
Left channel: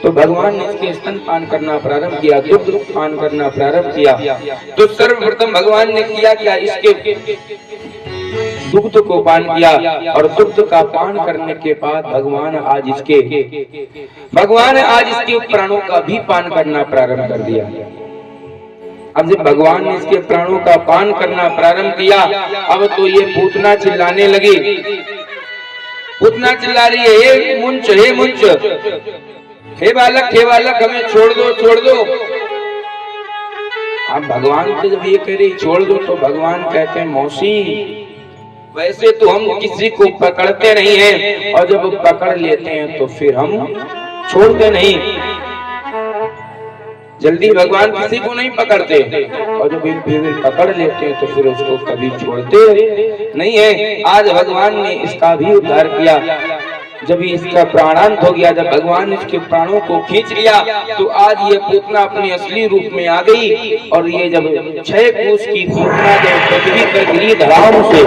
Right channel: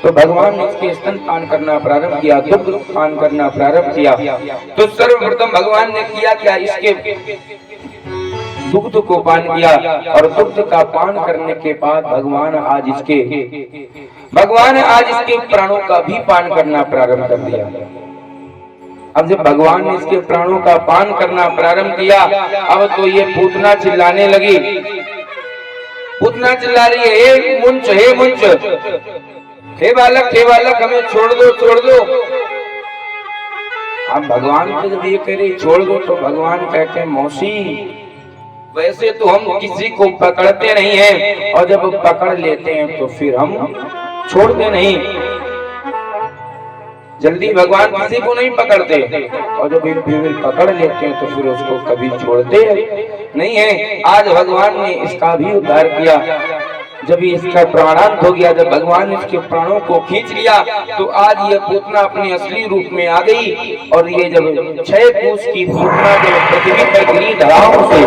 तो भगवान ने इसके स्तनपान करना प्रारंभ किया, दुग्ध पान करना प्रारंभ किया। तो सर्वप्रथम भगवान ने किया क्या, इसके दुग्ध को पान किया और दुग्ध का पान करने के बाद भगवान आज इसके प्राणों का भी पान करना प्रारंभ कर दिया। अब जब भगवान ने इसके प्राणों का पान करना प्रारंभ किया, अब तो ये पूतना चिल्लाने लगी। पूतना चिल्ला रही है, हे मुंच, हे बालक हमें छोड़ दो। अब भगवान को जब ये कह रही छोड़ दो, तो भगवान कहते हैं मौसी, वैसे तो हम किसी को पकड़ते नहीं हैं, और जब पकड़ लेते हैं तो फिर हम छोड़ते नहीं। जल्दी भगवान किसी को नहीं पकड़ते, और जब फिर पकड़ लेते हैं तो फिर उसको कभी छोड़ते नहीं है। आज भगवान ने इसका भी उद्धार किया। जब इसका प्राणांत हो गया, जब भगवान इसके प्राणों को खींच लिया, तो आज ये पूतना अपने असली रूप में आ गई। और ये जब 6 कोस की पूतना जब पृथ्वी पर गिरी धड़ाम से,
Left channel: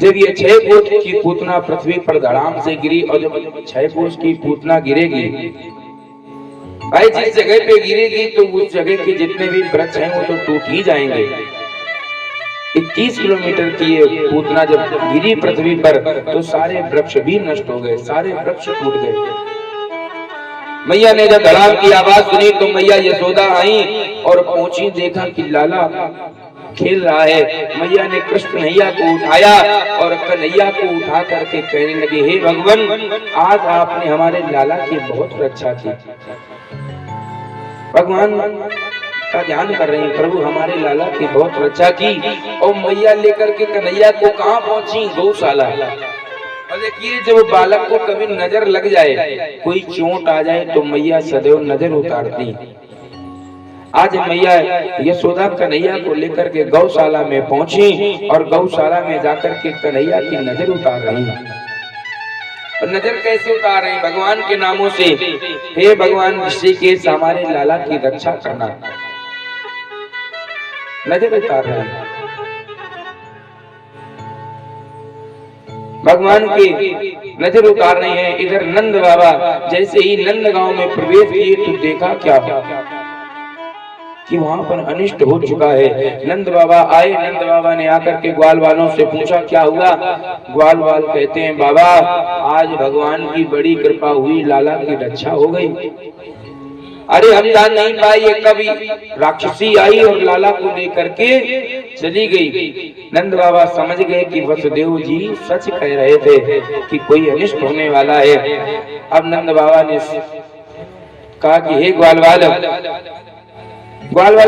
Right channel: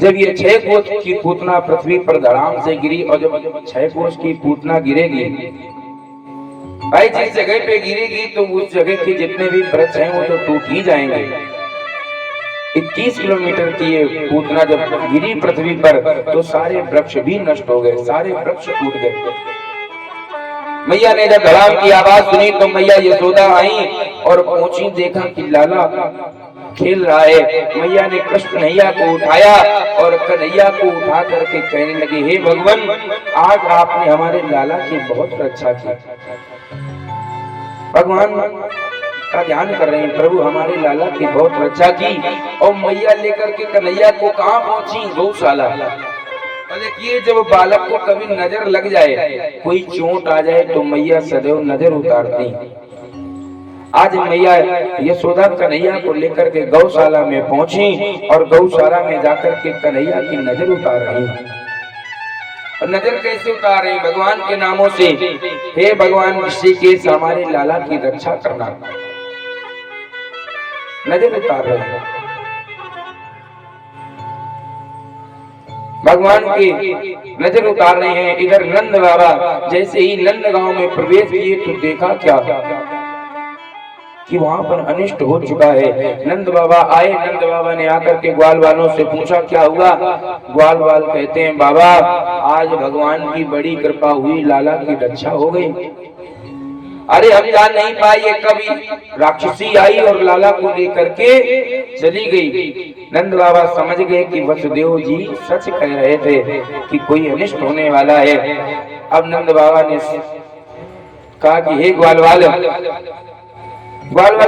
जब ये 6 कोस की पूतना पृथ्वी पर धड़ाम से गिरी, और जब 6 कोस की पूतना गिरेगी भाई, जिस जगह पे गिरेगी तो उस जगह के जितने भी वृक्ष हैं वो तो टूट ही जाएंगे। 21 किलोमीटर की ये पूतना जब गिरी पृथ्वी पर, तो सारे वृक्ष भी नष्ट हो गए, सारे वृक्ष टूट गए। मैया ने जब धड़ाम की आवाज सुनी तो मैया यशोदा आई और पहुंची, देखा कि लाला खेल रहा है। मैया ने कृष्ण कन्हैया को उठाया और कन्हैया को उठा करके कहने लगे, हे भगवान, आज आपने हमारे लाला की बहुत रक्षा की। भगवान का ध्यान कर रहे हैं, प्रभु हमारे लाला की बहुत रक्षा की। और मैया लेकर के कन्हैया को कहाँ पहुंची? गौशाला। और देखिए, जब बालक को कभी नजर लग जाए, कोई चोट आ जाए, तो मैया सदैव नजर उतारती। आज मैया यशोदा कन्हैया को लेकर के गौशाला में पहुंची और गौशाला में जाकर के कन्हैया की नजर उतार रही। नजर कैसे उतार रही? भगवान के नामों से, हे भगवान ऋषिकेश हमारे लाला की रक्षा करना, नजर उतार रहे हैं। भगवान की नजर उतार रहे हैं। इधर नंद बाबा जैसे ही नंद गांव में प्रवेश किए तो देखा क्या कि वहां पर अनिष्ट हो चुका है। नंद बाबा आए, नंद बाबा ने आकर के ग्वाल वालों से पूछा क्या हुआ। ग्वाल वाल कहते हैं, बाबा आज भगवान की बड़ी कृपा हुई, लाला की रक्षा हो गई। अरे हम जान नहीं पाए, कभी राक्षसी आई और लाला को लेकर के चली गई। नंद बाबा समझ गए कि वसुदेव जी सच कह रहे थे कि कोई अनिष्ट होने वाला है। अब नंद बाबा ने कहा कि हे ग्वालवाल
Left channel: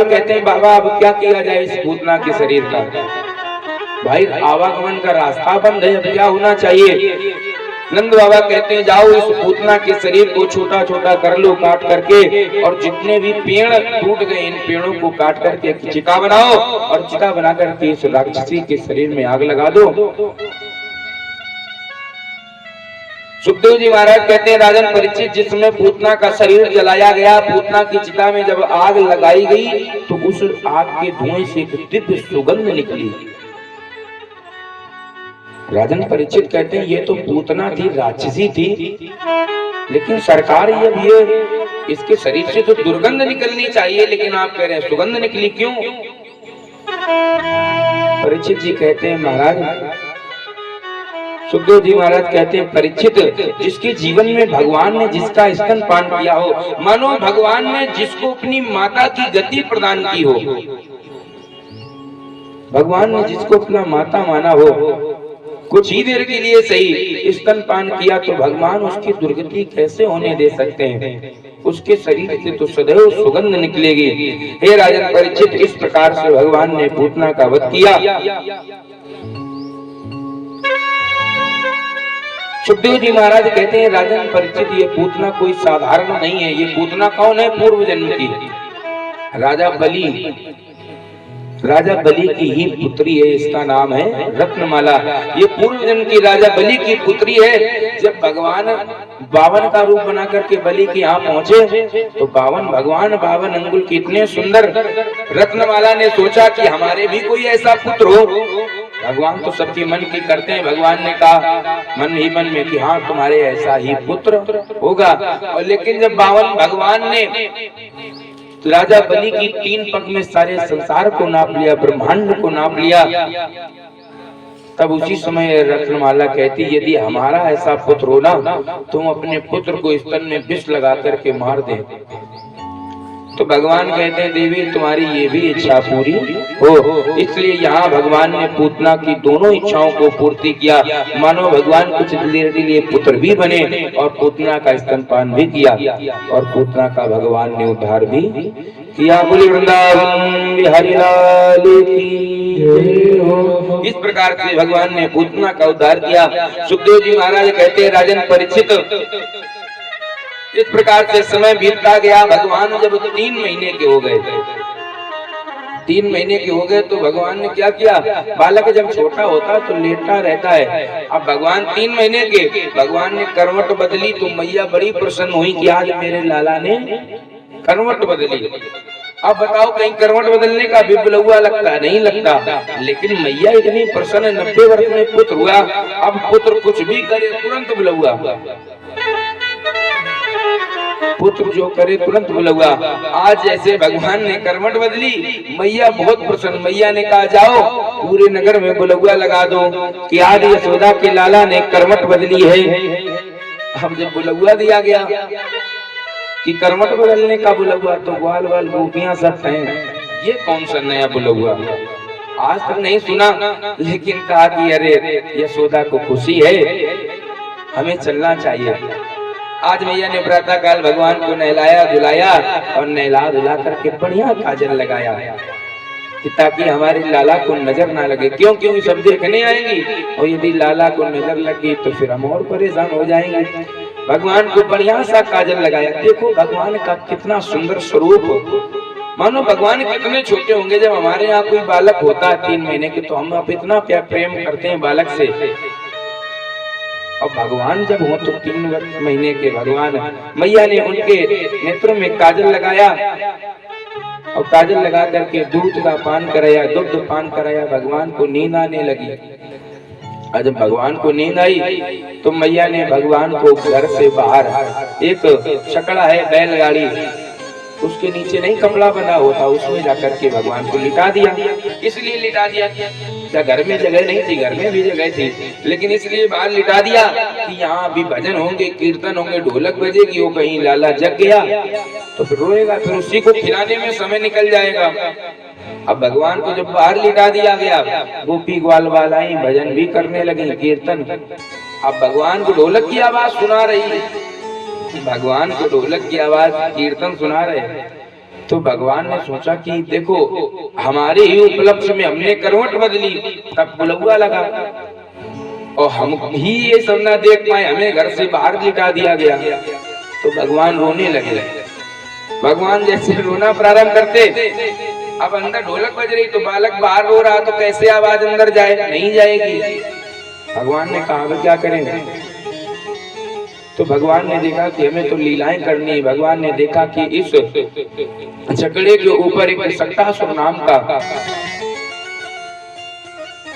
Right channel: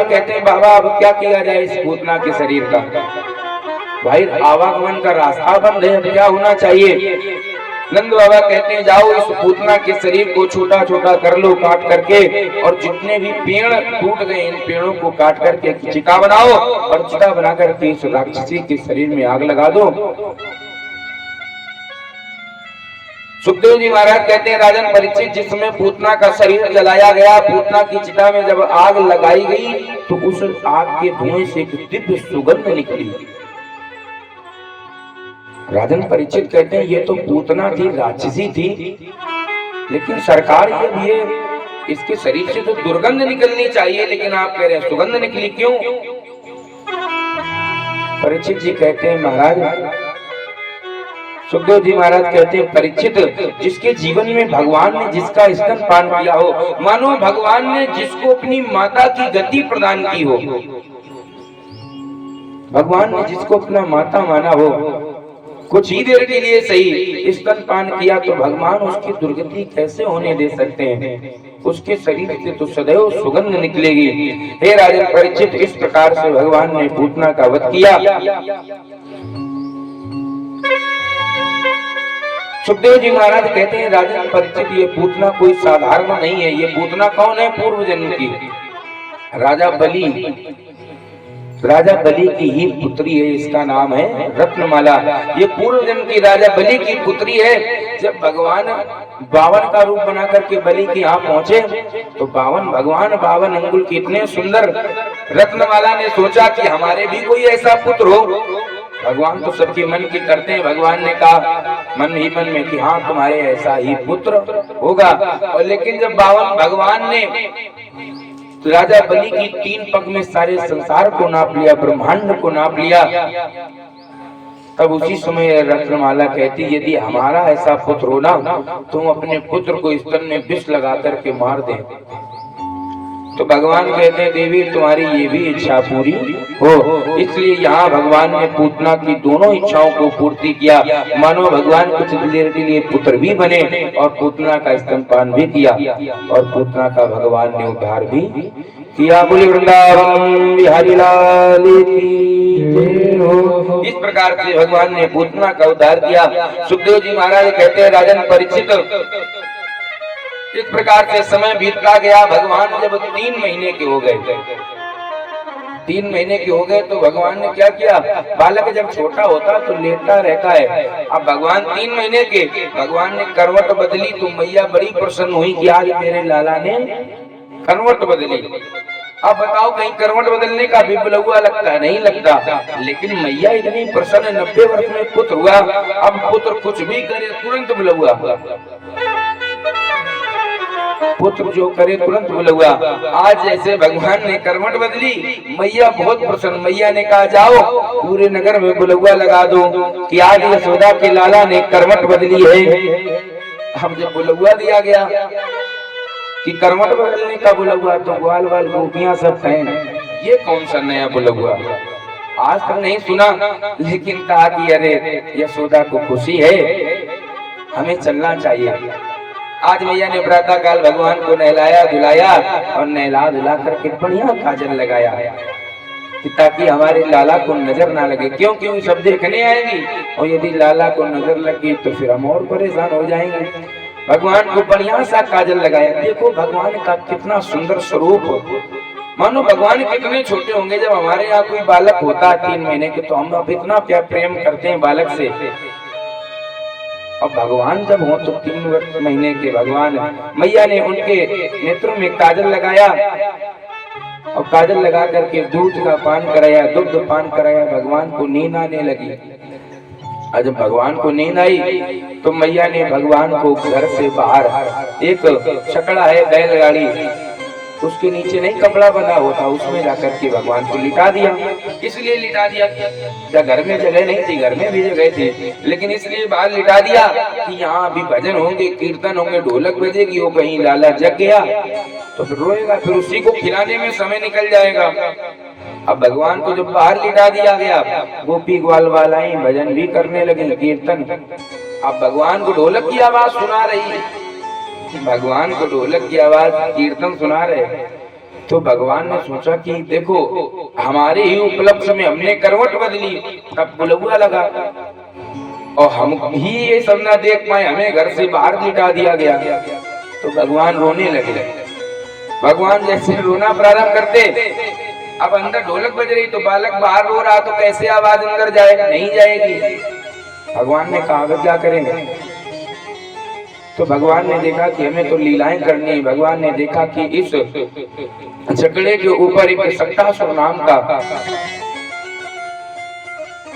कहते हैं, बाबा अब क्या किया जाए इस पूतना के शरीर का? भाई आवागमन का रास्ता बंद है, क्या होना चाहिए? नंद बाबा कहते हैं, जाओ इस पूतना के शरीर को छोटा छोटा कर लो, काट करके, और जितने भी पेड़ टूट गए इन पेड़ों को काट करके चिता बनाओ, और चिता बना करके इस राक्षसी के शरीर में आग लगा दो। सुखदेव जी महाराज कहते हैं, राजन परीक्षित, जिसमें पूतना का शरीर जलाया गया, पूतना की चिता में जब आग लगाई गई तो उस आग के धुएं से एक दिव्य सुगंध निकली। राजन परीक्षित कहते हैं, ये तो पूतना थी, राक्षसी थी, लेकिन सरकार ये इसके शरीर से तो दुर्गंध निकलनी चाहिए, लेकिन आप कह रहे हैं सुगंध निकली, क्यों? परीक्षित जी कहते हैं, महाराज, सुखदेव जी महाराज कहते हैं, परीक्षित, जिसके जीवन में भगवान ने जिसका स्तन पान किया हो, मानो भगवान ने जिसको अपनी माता की गति प्रदान की हो, भगवान ने जिसको अपना माता माना हो, कुछ ही देर के लिए सही स्तन पान किया, तो भगवान उसकी दुर्गति कैसे होने दे सकते हैं? उसके शरीर से तो सदैव सुगंध निकलेगी। हे राजन परीक्षित, इस प्रकार से भगवान ने पूतना का वध किया। सुखदेव जी महाराज कहते हैं, राजन परीक्षित, ये पूतना कोई साधारण नहीं है। ये पूतना कौन है? पूर्व जन्म की राजा बलि की ही पुत्री है। इसका नाम है रत्नमाला। ये पूर्व जन्म की राजा बलि की पुत्री है। जब भगवान 52 का रूप बना करके बलि के यहाँ पहुंचे तो भगवान 52 अंगुल के इतने सुंदर। रत्नमाला ने सोचा कि हमारे भी कोई ऐसा पुत्र हो। भगवान तो सबके मन की करते हैं। भगवान ने कहा मन ही मन में कि हाँ, तुम्हारे ऐसा ही पुत्र होगा। और लेकिन जब भगवान ने राजा बलि की 3 पग में सारे संसार को नाप लिया, ब्रह्मांड को नाप लिया। तब उसी समय रत्नमाला कहती, यदि हमारा ऐसा पुत्र हो ना, तुम अपने पुत्र को स्तन में विष लगा करके मार दे। तो भगवान कहते हैं, देवी तुम्हारी ये भी इच्छा पूरी हो। इसलिए यहाँ भगवान ने पूतना की दोनों इच्छाओं को पूर्ति किया। मानो भगवान कुछ देर के लिए पुत्र भी बने और पूतना का स्तनपान भी किया और पूतना का भगवान ने उद्धार भी किया। बोले वृंदावन बिहारी लाल की जय हो। इस प्रकार से भगवान ने पूतना का उद्धार किया। सुखदेव जी महाराज कहते हैं, राजन परीक्षित, इस प्रकार से समय बीतता गया। भगवान जब 3 महीने के हो गए, 3 महीने के हो गए तो भगवान ने क्या किया, बालक जब छोटा होता तो लेटा रहता है। अब भगवान 3 महीने के, भगवान ने करवट बदली तो मैया बड़ी प्रसन्न हुई कि आज मेरे लाला ने करवट बदली। अब बताओ, कहीं करवट बदलने का भी बुलौआ लगता है? नहीं लगता। लेकिन मैया इतनी प्रसन्न, 90 वर्ष में पुत्र हुआ। अब पुत्र कुछ भी करे तुरंत बुलौआ, पुत्र जो करे तुरंत बुलौआ। आज जैसे भगवान ने करवट बदली, मैया बहुत प्रसन्न। मैया ने कहा, जाओ पूरे नगर में बुलौआ लगा दो कि आज यशोदा के लाला ने करवट बदली है। हम जब बुलौआ दिया गया कि करवट बदलने का बुलौआ, तो ग्वाल वाल गोपियां सब हैं, ये कौन सा नया बुलौआ, आज तक नहीं सुना। लेकिन कहा कि अरे यशोदा को खुशी है, हमें चलना चाहिए। आज मैया ने प्रातः काल भगवान को नहलाया धुलाया और नहला धुला करके बढ़िया काजल लगाया कि ताकि हमारे लाला को नजर ना लगे। क्यों सब देखने आएंगी और यदि लाला को नजर लगी तो फिर हम और परेशान हो जाएंगे। भगवान को बढ़िया सा काजल लगाया। देखो भगवान का कितना सुंदर स्वरूप हो। मानो भगवान कितने छोटे होंगे। जब हमारे यहाँ कोई बालक होता है 3 महीने के, तो हम अब इतना प्यार प्रेम करते हैं बालक से। अब भगवान जब हो तो 3 महीने के भगवान, मैया ने उनके नेत्रों में काजल लगाया और काजल लगा करके दूध का पान कराया, दुग्ध पान कराया। भगवान को नींद आने लगी। और जब भगवान को नींद आई तो मैया ने भगवान को घर से बाहर, एक छकड़ा है बैलगाड़ी, उसके नीचे नहीं कपड़ा बना होता, उसमें जाकर के भगवान को लिटा दिया। इसलिए लिटा दिया क्या घर में जगह नहीं थी? घर में भी जगह थी, लेकिन इसलिए बाहर लिटा दिया कि यहाँ भी भजन होंगे, कीर्तन होंगे, ढोलक बजेगी। वो कहीं लाला जग गया तो फिर रोएगा, फिर उसी को खिलाने में समय निकल जाएगा। अब भगवान को जब बाहर लिटा दिया गया, गोपी ग्वाल वालाई भजन भी करने लगे, कीर्तन। अब भगवान को ढोलक की आवाज सुना रही, भगवान को ढोलक की आवाज, कीर्तन सुना रहे। तो भगवान ने सोचा कि देखो हमारे ही उपलक्ष्य में हमने करवट बदली, तब बुलौआ लगा और हम ही ये सब ना देख पाए, हमें घर से बाहर लिटा दिया गया। तो भगवान रोने लगे। भगवान जैसे रोना प्रारंभ करते, अब अंदर ढोलक बज रही तो बालक बाहर रो रहा, तो कैसे आवाज अंदर जाए? नहीं जाएगी। भगवान ने कहा क्या करेंगे? तो भगवान ने देखा कि हमें तो लीलाएं करनी है। भगवान ने देखा कि इस छकड़े के ऊपर एक सक्तासुर नाम का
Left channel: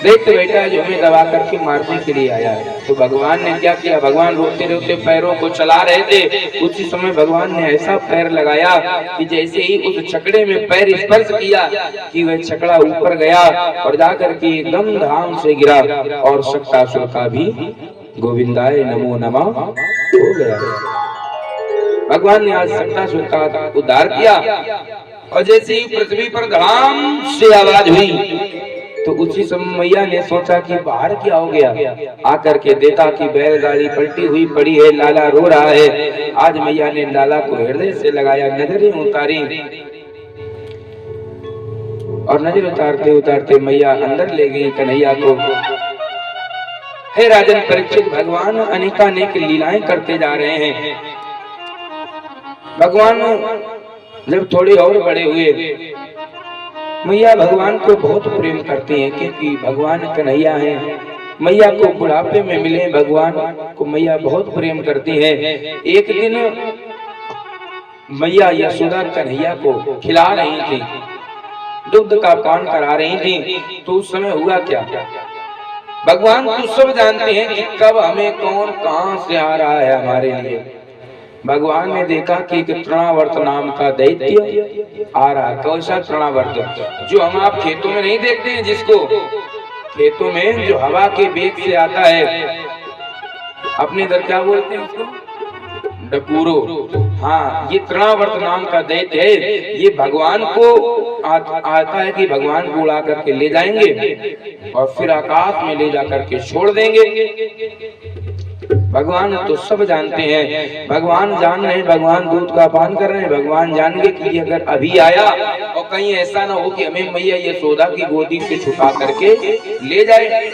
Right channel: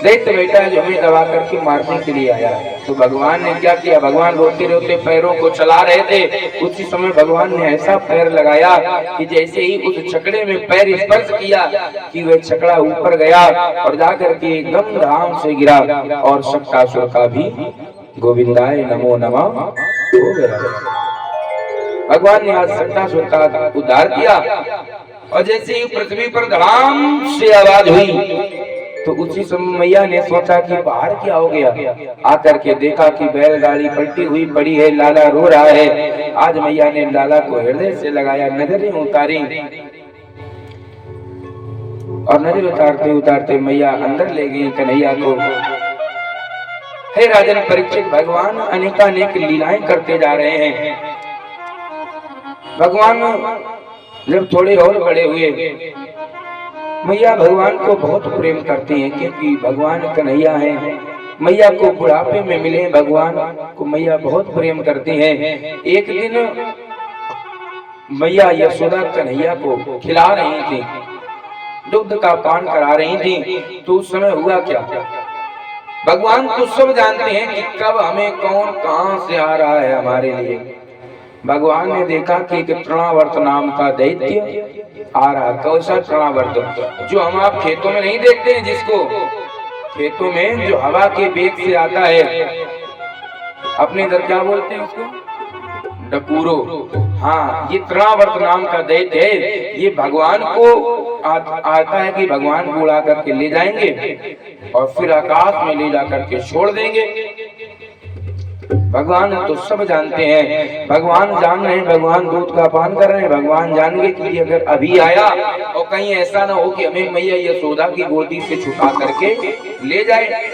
दैत्य बैठा है जो हमें दबा करके मारने के लिए आया है। तो भगवान ने क्या किया? भगवान रोते रोते पैरों को चला रहे थे, उसी समय भगवान ने ऐसा पैर लगाया कि जैसे ही उस छकड़े में पैर स्पर्श किया कि वह छकड़ा ऊपर गया और जाकर के एकदम धाम से गिरा और सक्तासुर का भी गोविंदाय नमो नमः हो गया। भगवान ने आज सक्तासुर का उद्धार किया और जैसे ही पृथ्वी पर धड़ाम से आवाज हुई तो उसी समय मैया ने सोचा कि बाहर क्या हो गया। आकर के देखा कि बैलगाड़ी पलटी हुई पड़ी है, लाला रो रहा है। आज मैया ने लाला को हृदय से लगाया, नजरें उतारी और नजर उतारते उतारते मैया अंदर ले गई कन्हैया को। हे राजन परीक्षित, भगवान अनेकानेक लीलाएं करते जा रहे हैं। भगवान जब थोड़े और बड़े हुए, मैया भगवान को बहुत प्रेम करती हैं क्योंकि भगवान कन्हैया है। मैया को बुढ़ापे में मिले भगवान को मैया बहुत प्रेम करती है। एक दिन मैया यशोदा कन्हैया को खिला रही थी, दुग्ध का पान करा रही थी। तो उस समय हुआ क्या? भगवान तो सब जानते हैं कि कब हमें कौन कहां से आ रहा है हमारे लिए। भगवान ने देखा कि एक तृणावर्त नाम का दैत्य आ रहा। कैसा तृणावर्त? जो हम आप खेतों में नहीं देखते हैं, जिसको खेतों में जो हवा के वेग से आता है, अपने इधर क्या बोलते हैं उसको? डपूरो। हाँ, ये तृणावर्त नाम का दैत्य है। ये भगवान को आता है कि भगवान को उड़ा करके ले जाएंगे और फिर आकाश में ले जा करके छोड़ देंगे। भगवान तो सब जानते हैं, भगवान जान रहे हैं, भगवान दूध का पान कर रहे हैं। भगवान जान गए कि अगर अभी आया और कहीं ऐसा ना हो कि हमें मैया यशोदा की गोदी से छुपा करके ले जाए,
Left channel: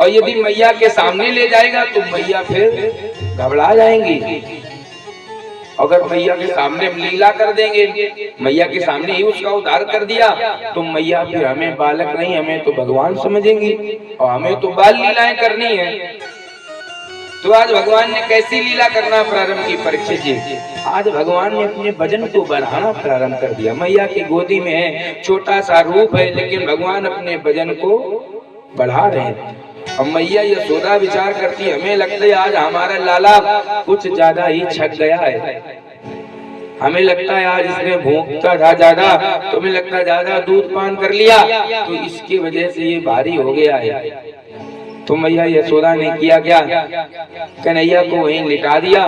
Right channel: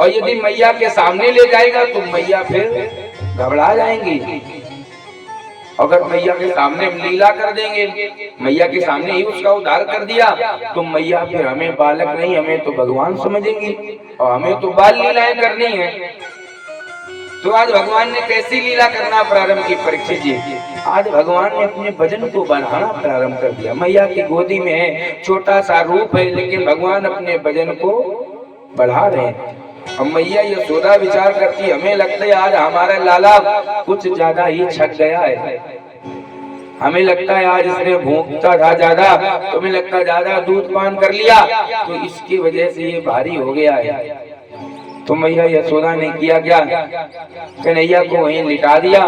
और यदि मैया के सामने ले जाएगा तो मैया फिर घबरा जाएंगी। अगर मैया के सामने लीला कर देंगे, मैया के सामने ही उसका उद्धार कर दिया, तो मैया फिर हमें बालक नहीं, हमें तो भगवान समझेंगी और हमें तो बाल लीलाएं करनी है। तो आज भगवान ने कैसी लीला करना प्रारंभ की? परीक्षित जी, आज भगवान ने अपने वजन को बढ़ाना प्रारंभ कर दिया। मैया की गोदी में है, छोटा सा रूप है, लेकिन भगवान अपने वजन को बढ़ा रहे हैं। अब मैया यशोदा विचार करती, हमें लगता है आज हमारा लाला कुछ ज्यादा ही छक गया है, हमें लगता है आज इसने भूखता था ज्यादा, तो हमें लगता है ज्यादा दूध पान कर लिया, तो इसकी वजह से ये भारी हो गया है। तो मैया यशोदा ने किया क्या? कन्हैया को वहीं लिटा दिया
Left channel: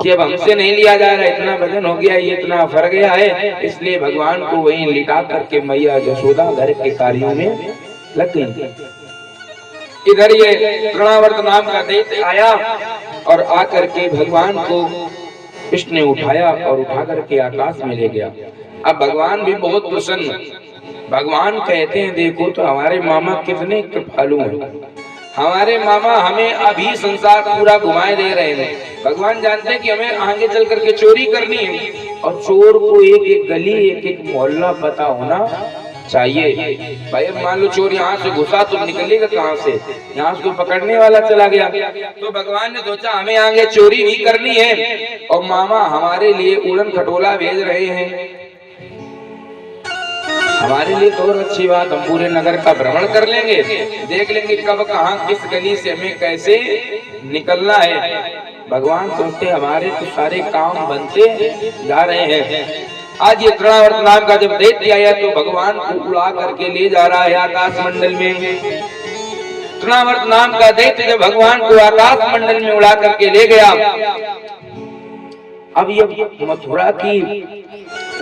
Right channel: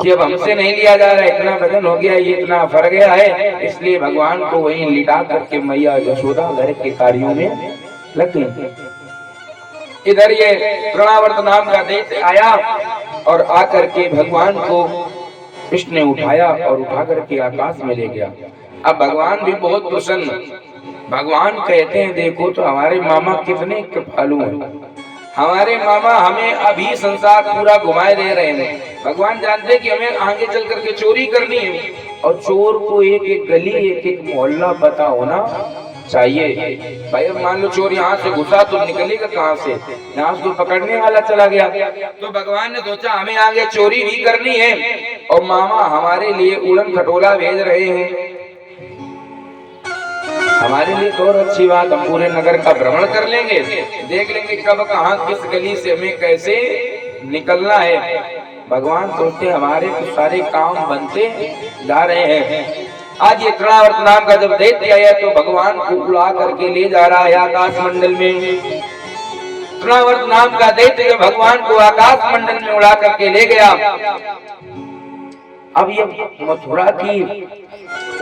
कि अब हमसे नहीं लिया जा रहा, इतना वजन हो गया, ये इतना फर गया है, इसलिए भगवान को वहीं लिटा करके मैया यशोदा घर के कार्यों में लग गई। इधर ये तृणावर्त नाम का दैत्य आया और आकर के भगवान को इसने उठाया और उठा करके आकाश में ले गया। अब भगवान भी बहुत प्रसन्न। भगवान कहते हैं, देखो तो हमारे मामा कितने कृपालु हैं, हमारे मामा हमें अभी संसार पूरा घुमाए दे रहे हैं। भगवान जानते हैं कि हमें आगे चल करके चोरी करनी है, और चोर को एक एक गली, एक एक मोहल्ला पता होना चाहिए। भाई अब मान लो चोर यहाँ से घुसा तो निकलेगा कहाँ से? यहाँ से पकड़ने वाला चला गया। तो भगवान ने सोचा हमें आगे चोरी भी करनी है, और मामा हमारे लिए उड़न खटोला भेज रहे हैं, हमारे लिए तो और अच्छी बात, हम पूरे नगर का भ्रमण कर लेंगे, देख लेंगे कब कहाँ किस गली से हमें कैसे निकलना है। भगवान सोचते हमारे तो सारे काम बनते जा रहे हैं। आज ये तृणावर्त नाम का जब दैत्य आया तो भगवान को उड़ा करके ले जा रहा है आकाश मंडल में। तृणावर्त नाम का दैत्य जब भगवान को आकाश मंडल में उड़ा करके ले गया, अब ये मथुरा की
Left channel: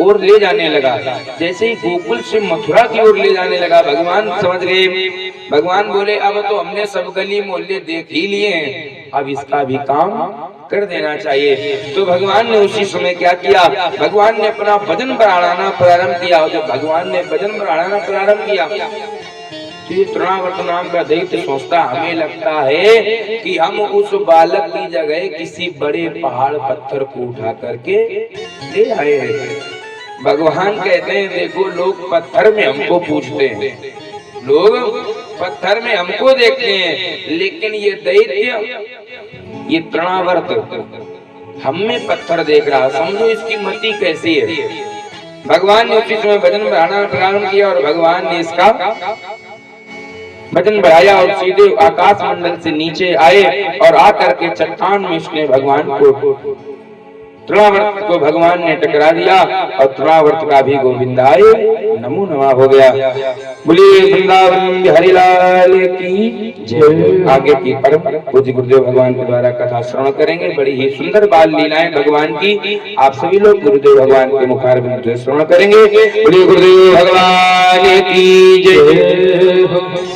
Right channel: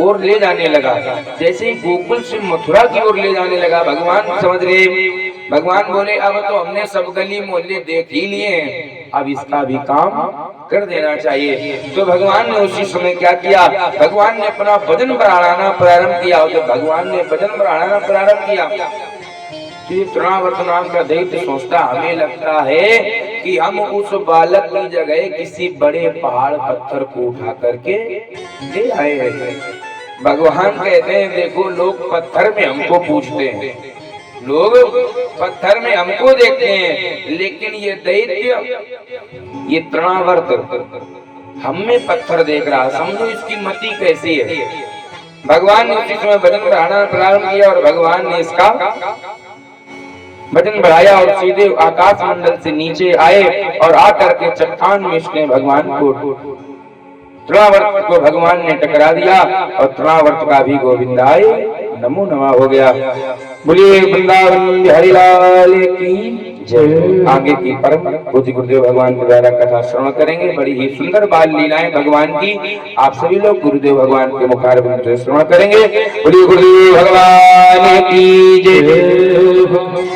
ओर ले जाने लगा। जैसे ही गोकुल से मथुरा की ओर ले जाने लगा, भगवान समझ गए। भगवान बोले अब तो हमने सब गली मोहल्ले देख ही लिए हैं, अब इसका भी काम कर देना चाहिए। तो भगवान ने उसी समय क्या किया? भगवान ने अपना वजन बढ़ाना प्रारंभ किया। जब भगवान ने वजन बढ़ाना प्रारंभ किया, तृणावर्त नाम का दैत्य सोचता, हमें लगता है कि हम उस बालक की जगह किसी बड़े पहाड़ पत्थर को उठा करके ले आए हैं। भगवान कहते हैं, देखो लोग पत्थर में हमको पूछते हैं, लोग पत्थर में हमको देखते हैं, लेकिन ये दैत्य, ये तृणावर्त हमें पत्थर देख रहा, समझो इसकी मति कैसी है। भगवान ने उसी समय वजन बढ़ाना प्रारंभ किया और भगवान ने इसका वजन बढ़ाया और सीधे आकाश मंडल से नीचे आए और आकर के चट्टान में इसने भगवान को, तृणावर्त को भगवान ने टकरा दिया और तृणावर्त का भी गोविंदाय नमो नमः हो गया। बोलिए वृंदावन हरिलाल की जय। आगे की परम पूज्य गुरुदेव भगवान के द्वारा कथा श्रवण करेंगे। बड़ी ही सुंदर बाल लीलाएं भगवान की आप सभी लोग गुरुदेव भगवान के मुखारविंद से श्रवण करेंगे। बोलिए गुरुदेव भगवान की जय।